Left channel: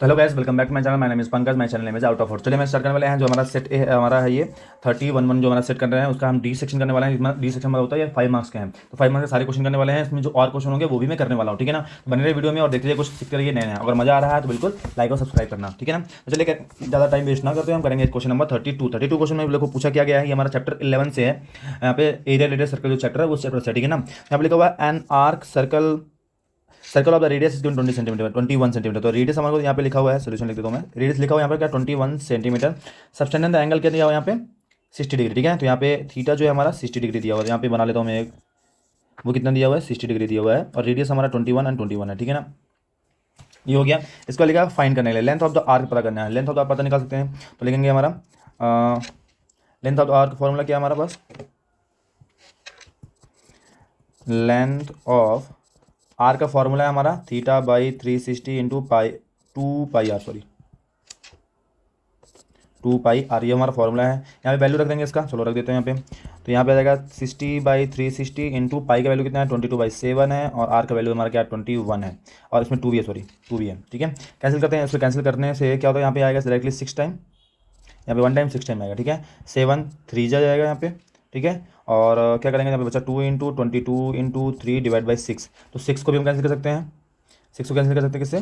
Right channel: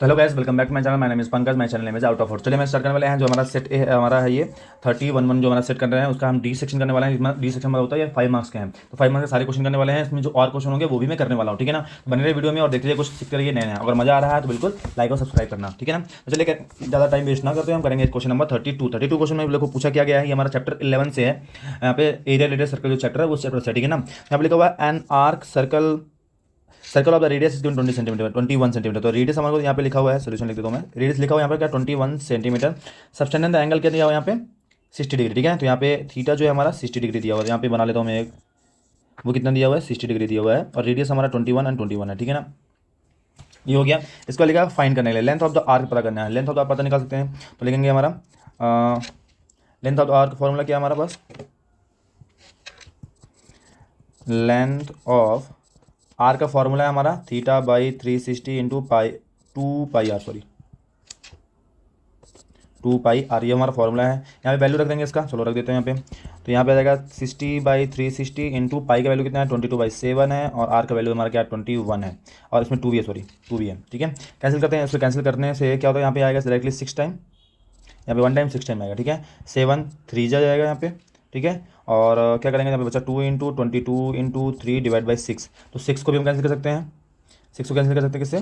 तो hello guys, welcome back to my channel. My name is Pankaj. My channel name is out of fourth. चलिए मैं start करने वाले हैं। जो हमारा सेट हमारा है ये 30 जो हमारा सेट कर रहे हैं उसका हम डी सेक्शन करने वाले हैं। इसमें डी सेक्शन में होता है ये 5 मार्क्स के हैं, तो 5 मार्क्स के सारे क्वेश्चन करने वाले हैं। इसमें जो और क्वेश्चन होंगे वो भी मैं करने वाला हूँ, ठीक है ना। बने रहिए वीडियो में और देखिए कुछ सीख करिए नए। अगर मजा आ रहा है तो बिल्कुल लाइक और सब्सक्राइब करना, ठीक है ना। तो चलिए ज़्यादा टाइम वेस्ट ना करते हैं, हम करेंगे क्वेश्चन नंबर 32 क्वेश्चन में देखो पूछा क्या गया है। ये हमारा चैप्टर 11 से है। यहाँ पे एरिया रेडियस सर्कल जो चैप्टर है वो चैप्टर से, ठीक है ना। यहाँ पे लिखा हुआ है an arc circle of the radius is 20 centimetre 21 centimetre. तो रेडियस हमारे को यहाँ पे लिखा हुआ है, सोल्यूशन लिख देता हूँ मैं। रेडियस लिखा हुआ है यहाँ पे क्या 21 सेंटीमीटर। सबटेंडेंट एंगल क्या दिया हुआ है यहाँ पे 60 डिग्री, ठीक है। तो यहाँ पे थीटा जो है हमारा 60 डिग्री दिया हुआ है। यहाँ पे बना लेता हूँ मैं एक, वो कितना दिया हुआ है 60 डिग्री दिया हुआ है। और रेडियस हमारा 21 एंड 21 है, ठीक है ना। ये हो गया। इसको लिखा फाइंड करने के लिए लेंथ ऑफ द आर्क पता करना है। लेंथ ऑफ द आर्क पता निकाल सकते हैं, तो लिखेंगे हमारा length of the arc formula क्या है हमारा पास। लेंथ ऑफ आर का फॉर्मूला है हमारा theta by 360 into pi 2 pi R, sorry 2 pi R, ये हमारा फॉर्मूला है। यहाँ पे वैल्यू रख देंगे इसका, चलो रख देते हैं यहाँ पे। तो यहाँ पे आ जाएगा 60/360 इंटू पाई का वैल्यू कितना है 22/7 है, और आर का वैल्यू हमारा क्या 21 है, और इसमें 2 भी है, सॉरी 2 भी है, ठीक है। कैंसिल करते हैं, इसको कैंसिल करने से क्या होता है यहाँ पे आएगा डायरेक्टली 6 टाइम, यहाँ पे 1 टाइम 6 टाइम आएगा, ठीक है। 7 3 जा जाएगा यहाँ पे, ठीक है। और क्या करेंगे यहाँ पे बच्चा 2 × 22 × 3 / 6, तो 6 को भी हम कैंसिल कर सकते हैं। 6 को कैंसिल कर सकते हैं किससे,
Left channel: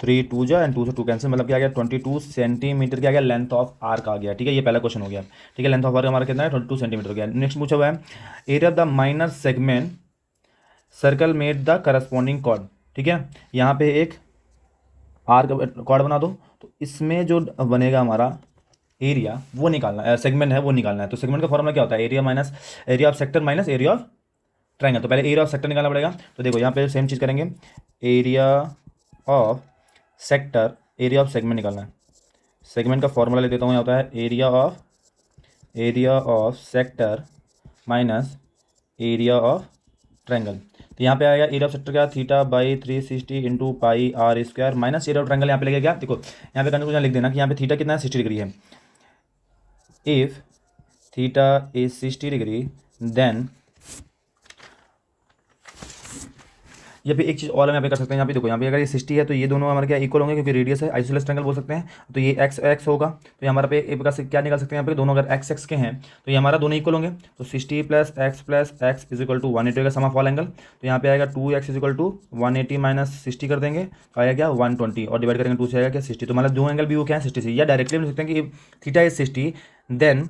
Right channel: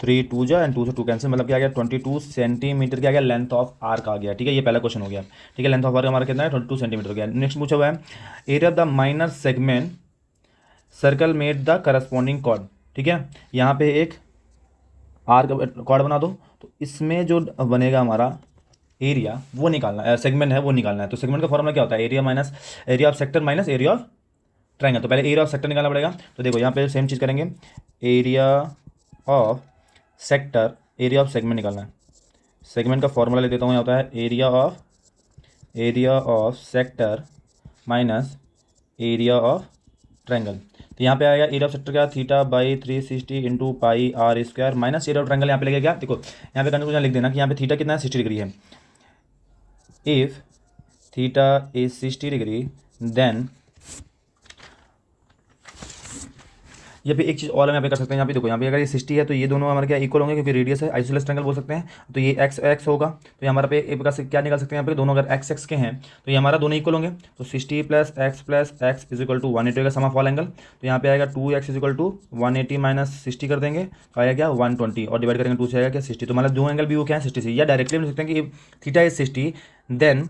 3 2 जा एंड 2 से 2 कैंसिल, मतलब क्या आ गया 22 सेंटीमीटर क्या आ गया लेंथ ऑफ आर्क आ गया, ठीक है। ये पहला क्वेश्चन हो गया, ठीक है। लेंथ ऑफ आर्क हमारा कितना है 22 सेंटीमीटर गया। नेक्स्ट पूछा हुआ है area of the minor segment circle made the corresponding chord, ठीक है। यहाँ पे एक आर्क कॉर्ड बना दो, तो इसमें जो बनेगा हमारा एरिया वो निकालना है, सेगमेंट है वो निकालना है। तो सेगमेंट का फॉर्मूला क्या होता है, area minus area of sector minus area of triangle. तो पहले एरिया ऑफ सेक्टर निकालना पड़ेगा। तो देखो यहाँ पे सेम चीज़ करेंगे, area of sector area of segment निकालना है। सेगमेंट का फॉर्मूला ले देता हूँ, यहाँ होता है area of sector minus area of triangle. तो यहाँ पे आएगा एरिया ऑफ सेक्टर क्या θ/360 into pi R square minus area of triangle. यहाँ पे लेके क्या देखो यहाँ पे कंफ्यूजन लिख देना कि यहाँ पे थीटा कितना है 60 डिग्री है। If theta is 60 degree then ये भी एक चीज़ और हम यहाँ पे कर सकते हैं। यहाँ पे देखो यहाँ पे अगर ये 60 है तो ये दोनों हमारे क्या इक्वल होंगे, क्योंकि रेडियस है, आइसोसेलेस ट्रायंगल बोल सकते हैं। तो ये एक्स एक्स होगा, तो ये हमारे पे एक प्रकार से क्या निकाल सकते हैं, यहाँ पे दोनों अगर एक्स एक्स के हैं तो ये हमारा दोनों इक्वल होंगे। तो 60 + x इज इक्वल टू 180 का सम ऑफ ऑल एंगल। तो यहाँ पे आएगा 2x is equal to 180 minus 60 कर देंगे, तो आएगा क्या 120, और डिवाइड करेंगे 2 से आएगा क्या 60। तो मतलब दो एंगल भी वो क्या है 60 से, या डायरेक्टली लिख सकते हैं कि theta is 60 then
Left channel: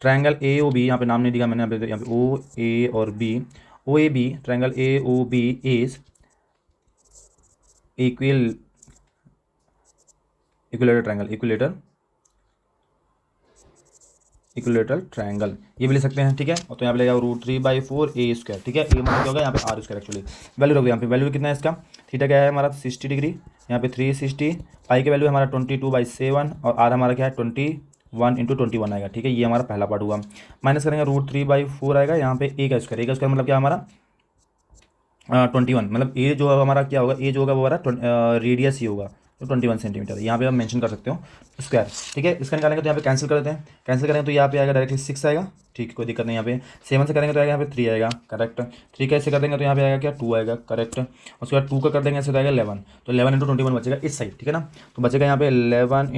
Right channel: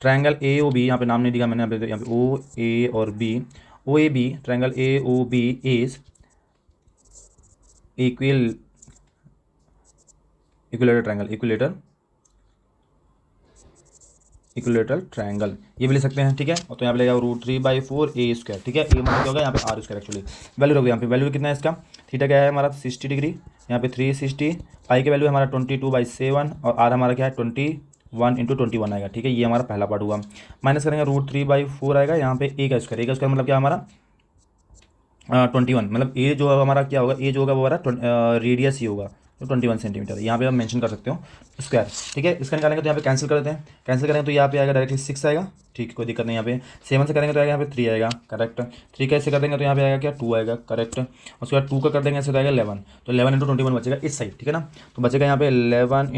triangle A O B, यहाँ पे नाम नहीं दिया मैंने, यहाँ पे ओ ए और B, O A B triangle A O B is equilateral triangle ये भी ले सकते हैं, ठीक है। तो यहाँ पे √3/4 a², ठीक है। ए मतलब यहाँ पे r² एक्चुअली वैल्यू रख दो। यहाँ पे वैल्यू कितना है इसका, थीटा क्या है हमारा 60 डिग्री, यहाँ पे 360, पाई की वैल्यू हमारा 22/7, और आर हमारा क्या है 21 × 21 आएगा, ठीक है। ये हमारा पहला पार्ट हुआ। माइनस करेंगे √3/4 आएगा, यहाँ पे a² मतलब क्या हमारा 21, मतलब ए जो हमारा क्या होगा, ए जो होगा वो हमारा रेडियस ही होगा, तो 21 सेंटीमीटर यहाँ पे आप मेंशन कर सकते हो स्क्वायर, ठीक है। इसका निकालेंगे तो यहाँ पे कैंसिल कर देते हैं। कैंसिल करेंगे तो यहाँ पे आएगा डायरेक्टली 6 आएगा, ठीक, कोई दिक्कत नहीं। यहाँ पे 7 से करेंगे तो आएगा यहाँ पे 3 आएगा, करेक्ट। 3 कैसे कर देंगे तो यहाँ पे आएगा क्या 2 आएगा, करेक्ट। उसके बाद 2 का कर देंगे ऐसे आएगा 11, तो 11 × 21 बचेगा इस साइड, ठीक है ना। तो बचेगा यहाँ पे 11 ×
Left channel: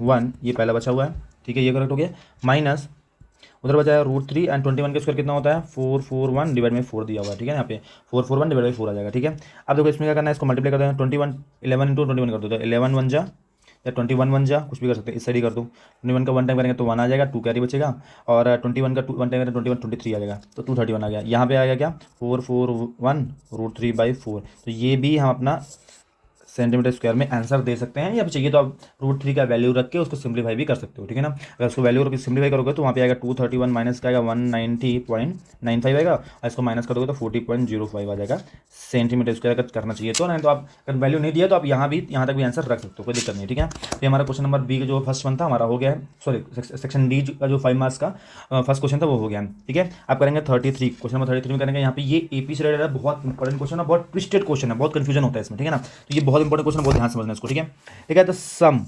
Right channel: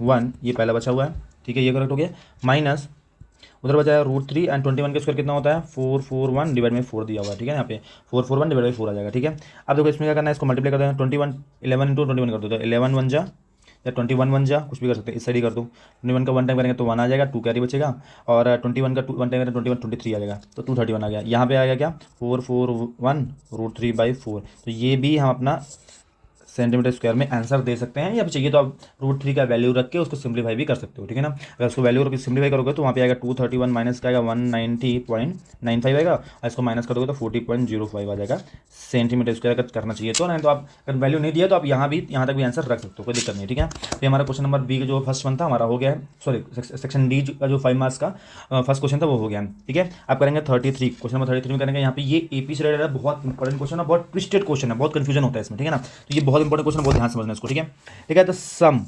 21, ये पहला बचा हुआ है, ठीक है, ये करेक्ट हो गया। माइनस उधर बचा है √3 एंड 21 के स्क्वायर कितना होता है 441 डिवाइड में 4 दिया हुआ है, ठीक है। यहाँ पे 441 डिवाइड बाई 4 आ जाएगा, ठीक है। अब देखो इसमें क्या करना है, इसको मल्टीप्लाई कर देंगे 21 11 × 21 कर दो, तो 11 1 जा या 21 1 जा, कुछ भी कर सकते हैं, इस साइड ही कर दूँ। 21 का 1 टाइम करेंगे तो 1 आ जाएगा, 2 कैरी बचेगा, और 21 का 1 टाइम करेंगे 21 23 आ जाएगा, तो 231 आ गया। यहाँ पे आएगा क्या 441 √3/4। तो ये भी हम अपना सेंटीमीटर स्क्वायर में आंसर दे सकते हैं, या फिर चाहिए तो आप √3 का वैल्यू रख के उसको सिंप्लीफाई भी कर सकते हो, ठीक है ना। अगर उसको वैल्यू रख के सिंप्लीफाई करोगे तो वहाँ पे आएगा 231 माइनस क्या आएगा 190.95 आएगा, और इसको माइनस करोगे तो 40.05 आ जाएगा सेंटीमीटर स्क्वायर। अगर करना चाहिए तो, नहीं तो आप अगर वैल्यू नहीं दिया तो आप यहाँ तक भी आंसर रख सकते हो, कोई दिक्कत नहीं, ठीक है। तो हमारा क्वेश्चन नंबर बी का जो फर्स्ट वन था हमारा हो गया है, सॉरी सेक्शन डी का जो 5 मार्क्स का फर्स्ट क्वेश्चन था वो हो गया, ठीक है। आप करेंगे 33, क्वेश्चन नंबर 33 में करेंगे। यहाँ पे ये एपी से रिलेटेड बहुत इंपॉर्टेंट क्वेश्चन है, बहुत ट्विस्टेड क्वेश्चन है, बहुत कंफ्यूजन होता है इसमें, ठीक है ना। तो ये बहुत इंपॉर्टेंट क्वेश्चन, बहुत ध्यान से समझना इसको, ठीक है। ठीक है, तो सम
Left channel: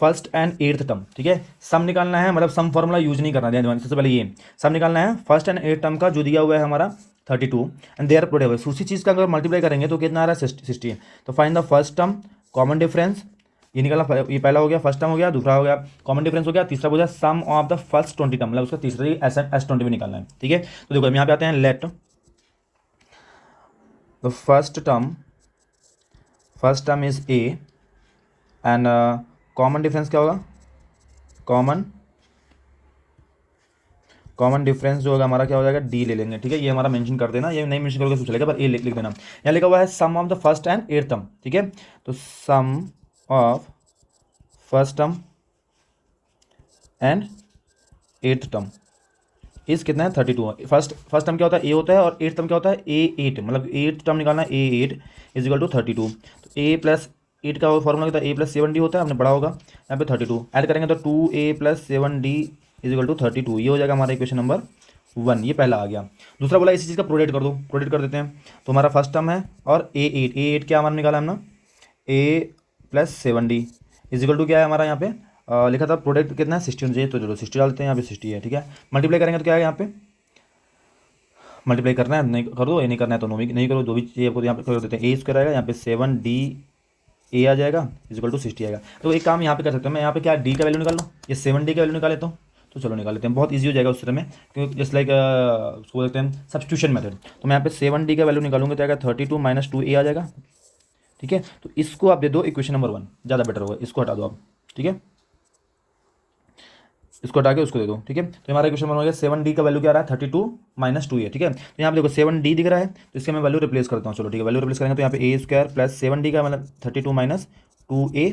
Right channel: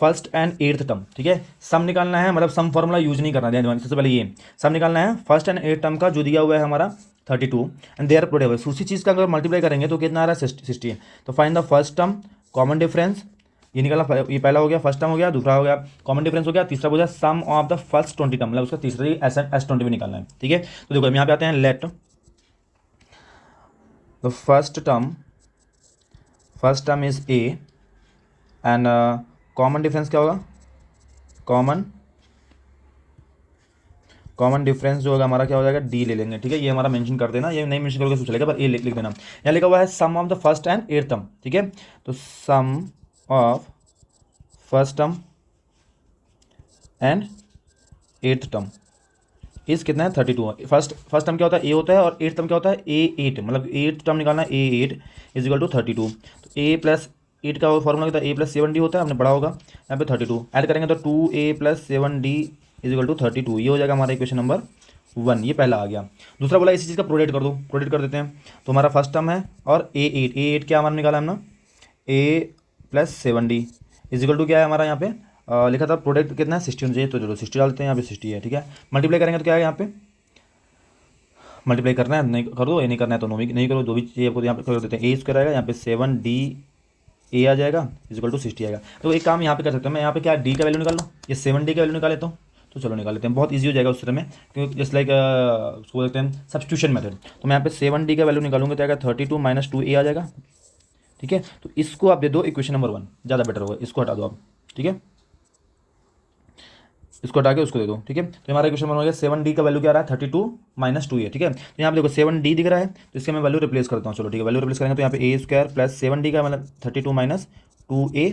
फर्स्ट एंड एट्थ टर्म, ठीक है, सम निकालना है, मतलब सम फॉर्मूला यूज नहीं करना है। सबसे पहले ये सम निकालना है फर्स्ट एंड एट्थ टर्म का, जो दिया हुआ है हमारा 32 एंड दे आर प्रोडक्ट। उसी चीज़ का अगर मल्टीप्लाई करेंगे तो कितना आ रहा है 60 है। तो find the first term common difference, ये निकला, ये पहला हो गया, फर्स्ट टर्म हो गया, दूसरा हो गया कॉमन डिफरेंस हो गया, तीसरा हो गया सम ऑफ द फर्स्ट 20 टर्म, मतलब उसका तीसरी S20 भी निकालना है। ठीक है, तो देखो हम यहाँ पे आते हैं, let the first term is A and common difference क्या होगा, कॉमन डिफरेंस जो होगा हमारा क्या हो जाएगा, डी ले लेंगे। ठीक है, ये हमारा मेंशन कर देना, ये नहीं मेंशन करोगे तो चलेगा, पर ये लिख देना। यहाँ लिखा हुआ है sum of the first and eight term. ठीक है, तो sum of first term and eight term is कितना है 32। फर्स्ट टर्म क्या होता है, ए होता है, और एट टर्म क्या होता है, ए8, मतलब एट टर्म निकालना है, ए8 इज इक्वल टू 32। तो ए प्लस एट का फॉर्मूला कितना, ए प्लस 7d होता है, हमने बड़ा होगा यहाँ पे 32 ऐड करेंगे तो 2a plus 7d is equal to 32। ये हो जाएगा हमारा इक्वेशन नंबर 1, ये पहला आ गया। दूसरा बोला इसी चीज़ का प्रोडक्ट कर दो, प्रोडक्ट कर देते हैं। तो हमारा फर्स्ट टर्म है और ए8 क्या हमारा निकाला हमने, A plus 7d is equal to क्या है हमारा यहाँ पे लिखा था प्रोडक्ट कितना है 60 होना चाहिए, तो चलो 60 डालते हैं, यहाँ पे 60 है। ठीक है, मल्टीप्लाई करेंगे तो क्या है, यहाँ पे मल्टीप्लाई करना है, नहीं करो ये नहीं करना है, दोनों भी नहीं करो, जो भी चाहिए वो यहाँ पे कर देते हैं। ए स्क्वायर आएगा, यहाँ पे 7d ए आ जाएगा इक्वल टू 60 आएगा। तो एक काम यहाँ पे कर सकते हैं, मैं यहाँ पे क्या डी का वैल्यू निकाल लूँ, ये 7d का वैल्यू निकाले तो चलो निकाल लेते हैं, बहुत ईजी हो जाएगा उस तरह में, क्योंकि जस्ट लाइक उसको बोलते हैं सब्स्टिट्यूशन मेथड। तो मैं यहाँ पे 7d का वैल्यू निकालूंगा तो आएगा 32 माइनस 2a आ जाएगा। ठीक है, तो इसको आप दे दो इक्वेशन नंबर 1, ज़्यादा बेटर होगा, इसको हटा दो आप। ठीक है, इसको हटा के उसको दे दो। ठीक है, तो हमारा इक्वेशन बन गया 7d का वैल्यू क्या आ रहा है 32 माइनस 2a। ठीक है, तो यहाँ पे देखो 7d दिख रहा है, तो इसका मैं वैल्यू रिप्लेस करता हूँ। चलो ठीक है, वैल्यू रिप्लेस करेंगे तो यहाँ पे a स्क्वायर प्लस 7d का मतलब 32 माइनस 2a,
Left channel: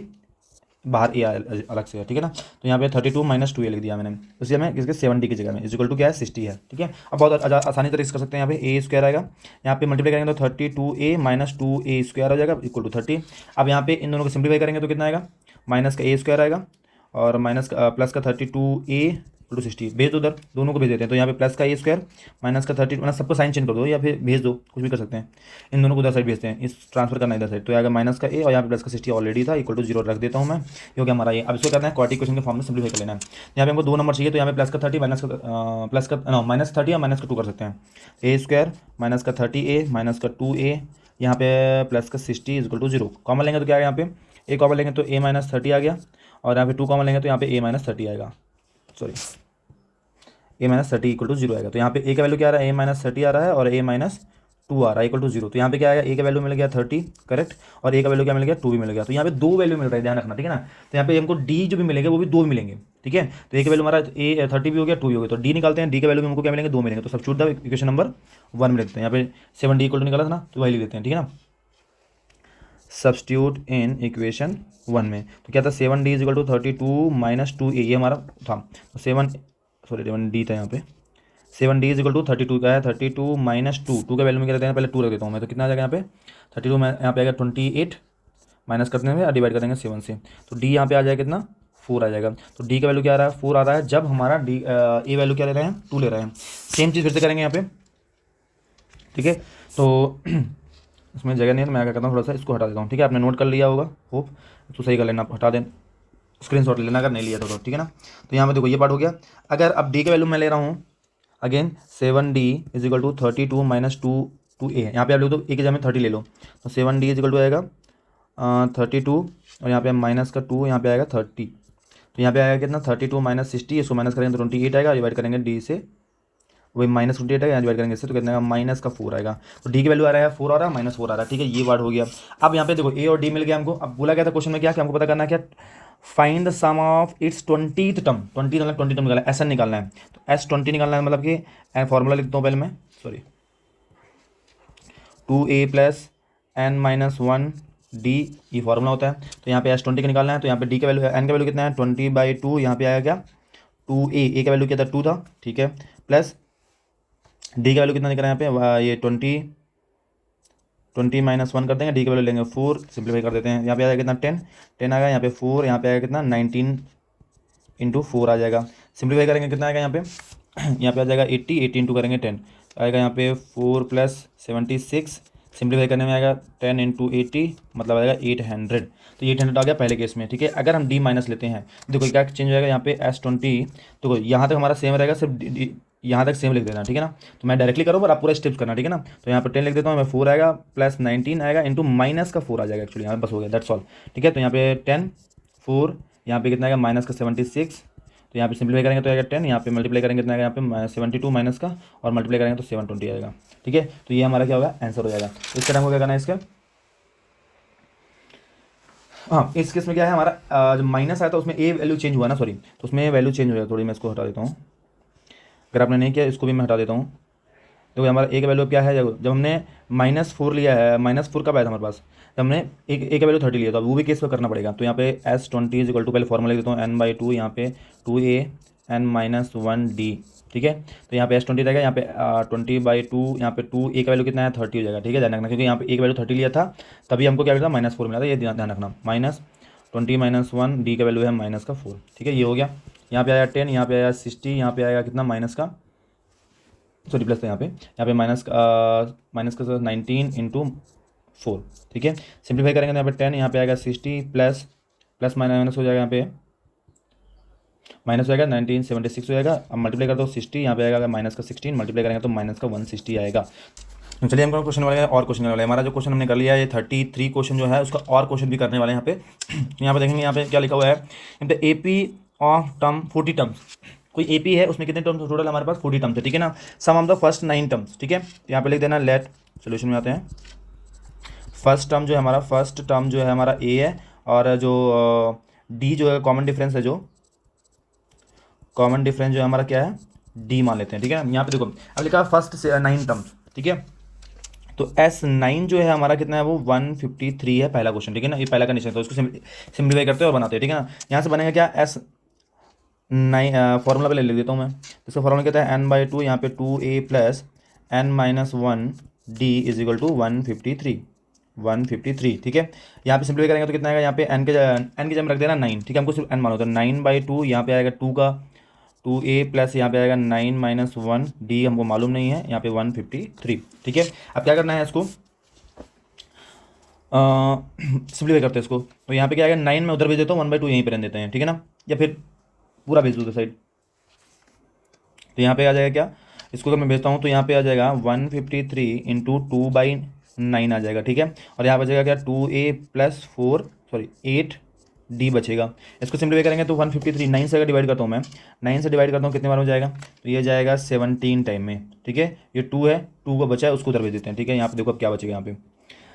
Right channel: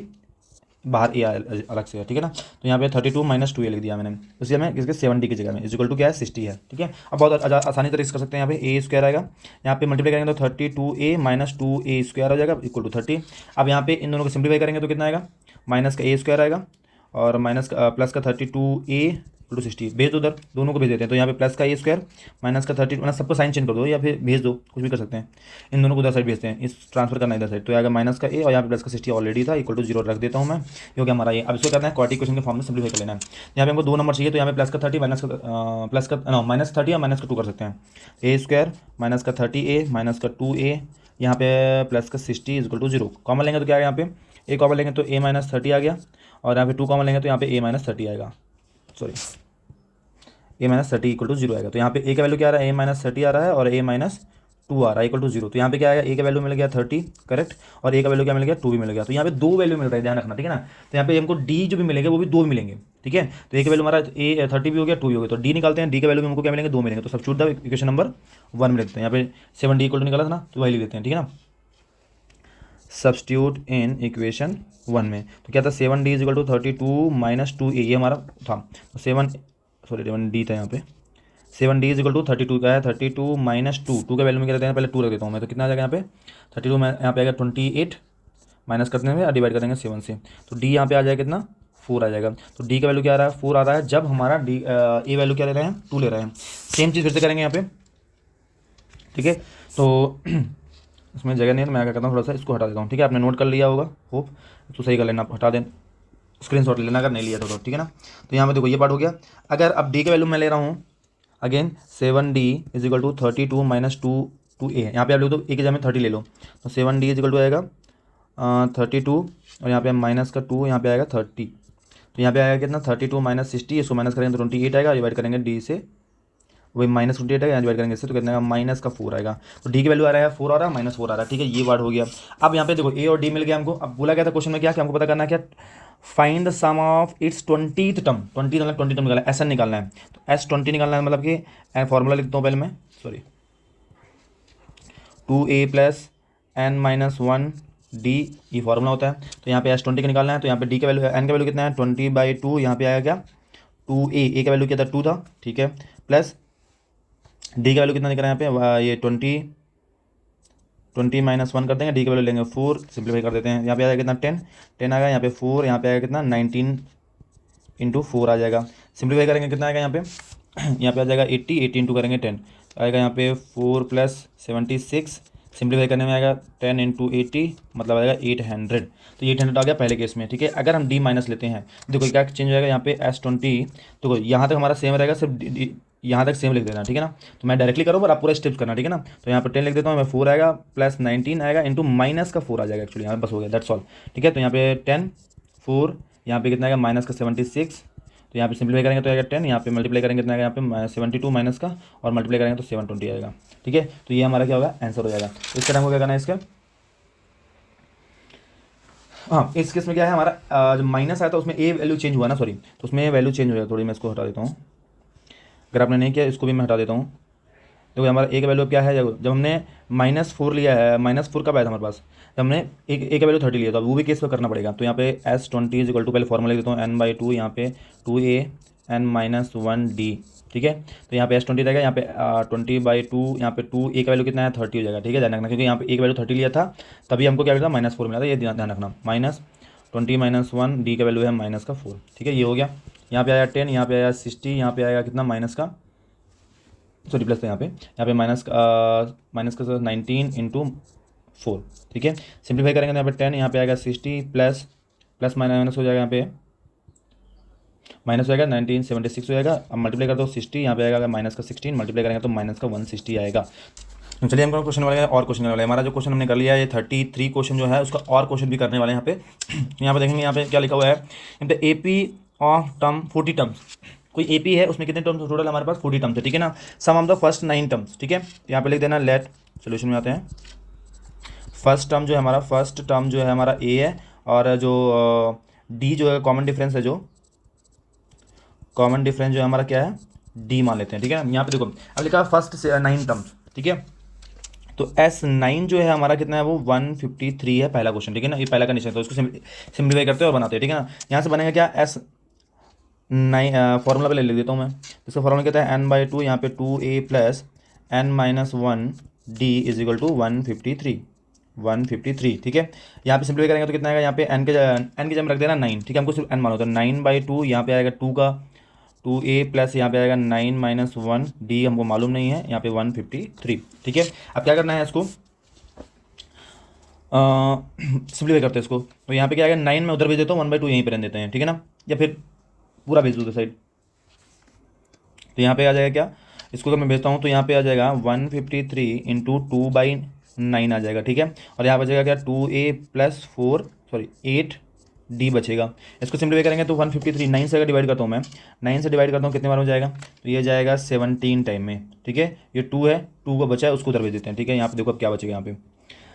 बाहर a अलग से है। ठीक है ना, तो यहाँ पे 32 माइनस 2a लिख दिया मैंने, इसलिए मैं इसके 7d की जगह में इज इक्वल टू क्या है 60 है। ठीक है, अब बहुत आसानी तरीके से कर सकते हैं। यहाँ पे a स्क्वायर आएगा, यहाँ पे मल्टीप्लाई करेंगे तो 32a माइनस 2a स्क्वायर हो जाएगा इक्वल टू 30। अब यहाँ पे इन दोनों को सिंप्लीफाई करेंगे तो कितना आएगा, माइनस का a स्क्वायर आएगा और माइनस प्लस का 32a टू 60, भेज दो उधर, दोनों को भेज देते हैं। तो यहाँ पे प्लस का ए स्क्वायर माइनस का 30, मतलब सबको साइन चेंज कर दो या फिर भेज दो, कुछ भी कर सकते हैं। इन दोनों को उधर साइड भेजते हैं, इस ट्रांसफर करना इधर साइड, तो आएगा माइनस का ए और यहाँ पे प्लस का 60 ऑलरेडी था इक्वल टू 0 रख देता हूँ मैं, क्योंकि हमारा ये अब इसको कहते हैं क्वाड्रेटिक इक्वेशन के फॉर्म में सिंप्लीफाई कर लेना है। यहाँ पे हमको 2 नंबर चाहिए, तो यहाँ पे प्लस का 30 माइनस 30 या माइनस का 2 कर सकते हैं। ए स्क्वायर माइनस का 30a माइनस का 2a, यहाँ पे प्लस का 60 इज इक्वल टू 0। कॉमन लेंगे तो क्या आएगा, यहाँ पे ए कॉमन लेंगे तो a माइनस 30 आ गया, और यहाँ पे 2 कॉमन लेंगे तो यहाँ पे a माइनस 30 आएगा, sorry a minus 30 equal to 0 आएगा। तो यहाँ पे a का वैल्यू क्या आ रहा है, a माइनस 30 आ रहा है और a माइनस 2 आ रहा है इक्वल टू 0। तो यहाँ पे क्या आएगा, a का वैल्यू मिल गया 30 करेक्ट, और a का वैल्यू क्या मिल गया 2 भी मिल गया। तो यहाँ पे 2 वैल्यू मिल रहा है, ध्यान रखना। ठीक है ना, तो यहाँ पे हमको d जो भी मिलेंगे वो भी 2 मिलेंगे। ठीक है, तो a का वैल्यू हमारा a 30 भी हो गया 2 भी हो गया, तो d निकालते हैं, d का वैल्यू हमको क्या मिलेंगे 2 मिलेंगे, तो सब्स्टिट्यूट द इक्वेशन नंबर 1 में लिखते हैं। यहाँ पे 7d इक्वल टू निकाला था ना, तो वही लिख देते हैं। ठीक है ना, सब्स्टिट्यूट इन इक्वेशन 1 में, तो क्या था 7d is equal to 32 minus 2a, ये हमारा था। तो 7d था यहाँ पे, 7d इज इक्वल टू 32 का है, 32 माइनस 2 का वैल्यू में क्या देते हैं, पहले 2 रख देता हूँ मैं, तो कितना आ जाएगा यहाँ पे 32 में, यहाँ पे आएगा 28 माइनस करने में डिवाइड करेंगे 7 से, तो d यहाँ पे आ जाएगा कितना 4 आ जाएगा। तो d का वैल्यू क्या आ रहा है 4 आ रहा है, जब हमारा d ए वैल्यू क्या ले रहे हैं 2 ले रहे हैं। सेम चीज़ फिर से करेंगे यहाँ पे। ठीक है, तो इसमें जगह नहीं है तो मैं क्या करता हूँ, थोड़ा सा इसको हटा देता हूँ। ठीक है, आपने नोट कर लिया होगा, खूब तो सही कर लेना, हटा दें, स्क्रीनशॉट ले लेना अगर नहीं लिया तो। ठीक है ना, तो यहाँ पे देखो ये पार्ट हो गया। अगर अब d का वैल्यू मैं ले रहा हूँ again 7d is equal to 32 minus 2a, यहाँ पे आप लोग तो एक जगह में 30 ले लो, तो 7d इज इक्वल टू आएगा 32 और यहाँ पे माइनस का 2, यहाँ पे आएगा 30, तो यहाँ पे आएगा कितना 32 माइनस 60, इसको माइनस करेंगे तो 28 आएगा, डिवाइड करेंगे d से, वही माइनस 28 आएगा, डिवाइड करेंगे इससे तो कितना माइनस का 4 आएगा। तो d की वैल्यू आ रहा है 4 आ रहा है, माइनस 4 आ रहा है। ठीक है, ये वर्ड हो गया। अब यहाँ पे देखो a और d मिल गया हमको। अब बोला गया था क्वेश्चन में क्या कि हमको पता करना क्या, find the sum of its 20th term, 20 term निकालना है, ऐसा निकालना है। तो S20 निकालना है, मतलब कि फॉर्मूला लिखता हूँ पहले मैं, sorry 2a plus n minus 1d, ये फॉर्मूला होता है। तो यहाँ पे S20 का निकालना है, तो यहाँ पे d का वैल्यू n का वैल्यू कितना है 20/2, यहाँ पे आएगा क्या 2a, a का वैल्यू क्या था 2 था। ठीक है, प्लस d का वैल्यू कितना निकला है यहाँ पे, ये 20 माइनस 1 कर देंगे, d का वैल्यू लेंगे 4, सिंप्लीफाई कर देते हैं। यहाँ पे आएगा कितना 10 आएगा, यहाँ पे 4, यहाँ पे आएगा कितना 19 इंटू 4 आ जाएगा। सिंप्लीफाई करेंगे कितना आएगा यहाँ पे यहाँ पे आ जाएगा 80 इंटू करेंगे 10 आएगा, यहाँ पे 4 प्लस 76, सिंप्लीफाई करने में आएगा 10 इंटू 80, मतलब आएगा 800। तो 800 आ गया पहले केस में। ठीक है, अगर हम d माइनस लेते हैं, देखो क्या चेंज हो जाएगा यहाँ पे S20, देखो यहाँ तक हमारा सेम रहेगा, सिर्फ यहाँ तक सेम लिख देना, ठीक है ना। तो मैं डायरेक्टली करूँ पर आप पूरा स्टेप करना, ठीक है ना। तो यहाँ पे 10 लिख देता हूँ मैं, 4 आएगा प्लस 19 आएगा इंटू माइनस का 4 आ जाएगा एक्चुअली, बस हो गया, दैट्स ऑल, ठीक है। तो यहाँ पे 10 4 यहाँ पे कितना आएगा माइनस का 76, तो यहाँ पे सिंप्लीफाई करेंगे तो आएगा 10, यहाँ पे मल्टीप्लाई करेंगे कितना आएगा यहाँ पे 72 माइनस का, और मल्टीप्लाई करेंगे तो 720 आएगा, ठीक है। तो ये हमारा क्या होगा, आंसर हो जाएगा। इसके टाइम को क्या करना है इसके, इस केस में क्या है हमारा, जब माइनस है तो उसमें ए वैल्यू चेंज हुआ ना, सॉरी, तो उसमें वैल्यू चेंज हो जाए थोड़ी, मैं इसको हटा देता हूँ, अगर आपने नहीं किया इसको भी मैं हटा देता हूँ। तो हमारा एक वैल्यू क्या है, जब हमने -4 लिया है, -4 कब आया था हमारे पास, जब हमने एक वैल्यू 30 लिया था, वो भी केस में करना पड़ेगा। तो यहाँ पे S20 इक्वल टू, पहले फॉर्मूला देता हूँ n/2, यहाँ पे 2a n-1d, ठीक है। तो यहाँ पे S20 रहेगा, यहाँ पे 20/2, यहाँ पे 2a का वैल्यू कितना है 30 हो जाएगा, ठीक है, ध्यान रखना, क्योंकि यहाँ पे एक वैल्यू 30 लिया था तभी हमको क्या मिला था -4 मिला था, ये ध्यान रखना, -20 - 1 d का वैल्यू है -4, ठीक है, ये हो गया। यहाँ पे आया 10, यहाँ पे आया 60, यहाँ पे आएगा कितना माइनस का, सॉरी प्लस, तो यहाँ पे माइनस का 19 इंटू 4, ठीक है। सिंप्लीफाई करेंगे तो यहाँ पे 10, यहाँ पे आएगा 60 प्लस प्लस माइनस हो जाएगा, यहाँ पे माइनस आएगा 1976 हो जाएगा। अब मल्टीप्लाई कर दो 60, यहाँ पे आएगा माइनस का 16, मल्टीप्लाई करेंगे तो माइनस का 160 आएगा। तो चलिए हम क्वेश्चन वाले और क्वेश्चन वाले, हमारा जो क्वेश्चन हमने कर लिया है ये 33 क्वेश्चन जो है उसका और क्वेश्चन भी करने वाले हैं यहाँ पे। तो यहाँ पे देखेंगे, यहाँ पे क्या लिखा हुआ है, एपी ऑफ टर्म 40 टर्म्स, कोई एपी है उसमें कितने टर्म्स टोटल हमारे पास 40 टर्म्स है, ठीक है ना। सम ऑफ द फर्स्ट 9 टर्म्स, ठीक है, यहाँ पे लिख देना, लेट सोल्यूशन में आते हैं। फर्स्ट टर्म जो है हमारा ए है, और जो डी जो है कॉमन डिफरेंस है, जो कॉमन डिफरेंस जो है हमारा क्या है डी मान लेते हैं, ठीक है। यहाँ पे देखो अब लिखा है फर्स्ट से 9 टर्म्स, ठीक है। तो S9 जो है हमारा कितना है, वो 153 है, पहला क्वेश्चन, ठीक है ना, ये पहला कंडीशन, तो इसको सिंप्लीफाई करते हैं और बनाते हैं, ठीक है ना। यहाँ से बनेगा क्या, S9 फॉर्मूला पे ले लेता हूँ मैं, इसका फॉर्मूला कहता है n/2, यहाँ पे 2a plus n-1d is equal to 153, ठीक है। यहाँ पे सिंप्लीफाई करेंगे तो कितना आएगा, यहाँ पे n की जगह रख देना 9, ठीक है, हमको सिर्फ n मानो, तो 9/2, यहाँ पे आएगा 2a प्लस यहाँ पे आएगा 9 - 1d, हमको मालूम नहीं है, यहाँ पे 153, ठीक है। अब क्या करना है इसको, सिंप्लीफाई करते हैं इसको, तो यहाँ पे क्या आएगा 9 में उधर भेज देता हूँ, 1/2 यहीं पे रहने देते हैं, ठीक है ना, या फिर पूरा भेज दो साइड। तो यहाँ पे आ जाएगा क्या, इसको अगर मैं भेजता हूँ तो यहाँ पे आ जाएगा 153 इंटू 2/9 आ जाएगा, ठीक है। और यहाँ बचेगा क्या 2a प्लस 8d बचेगा। इसको सिंप्लीफाई करेंगे तो 153 9 से अगर डिवाइड करता हूँ मैं, 9 से डिवाइड करता हूँ कितने बार हो जाएगा, तो ये जाएगा 17 टाइम में, ठीक है। ये 2 है, 2 को बचा है उसको उधर भेज देते हैं, ठीक है। यहाँ पे देखो क्या बचेगा, यहाँ पे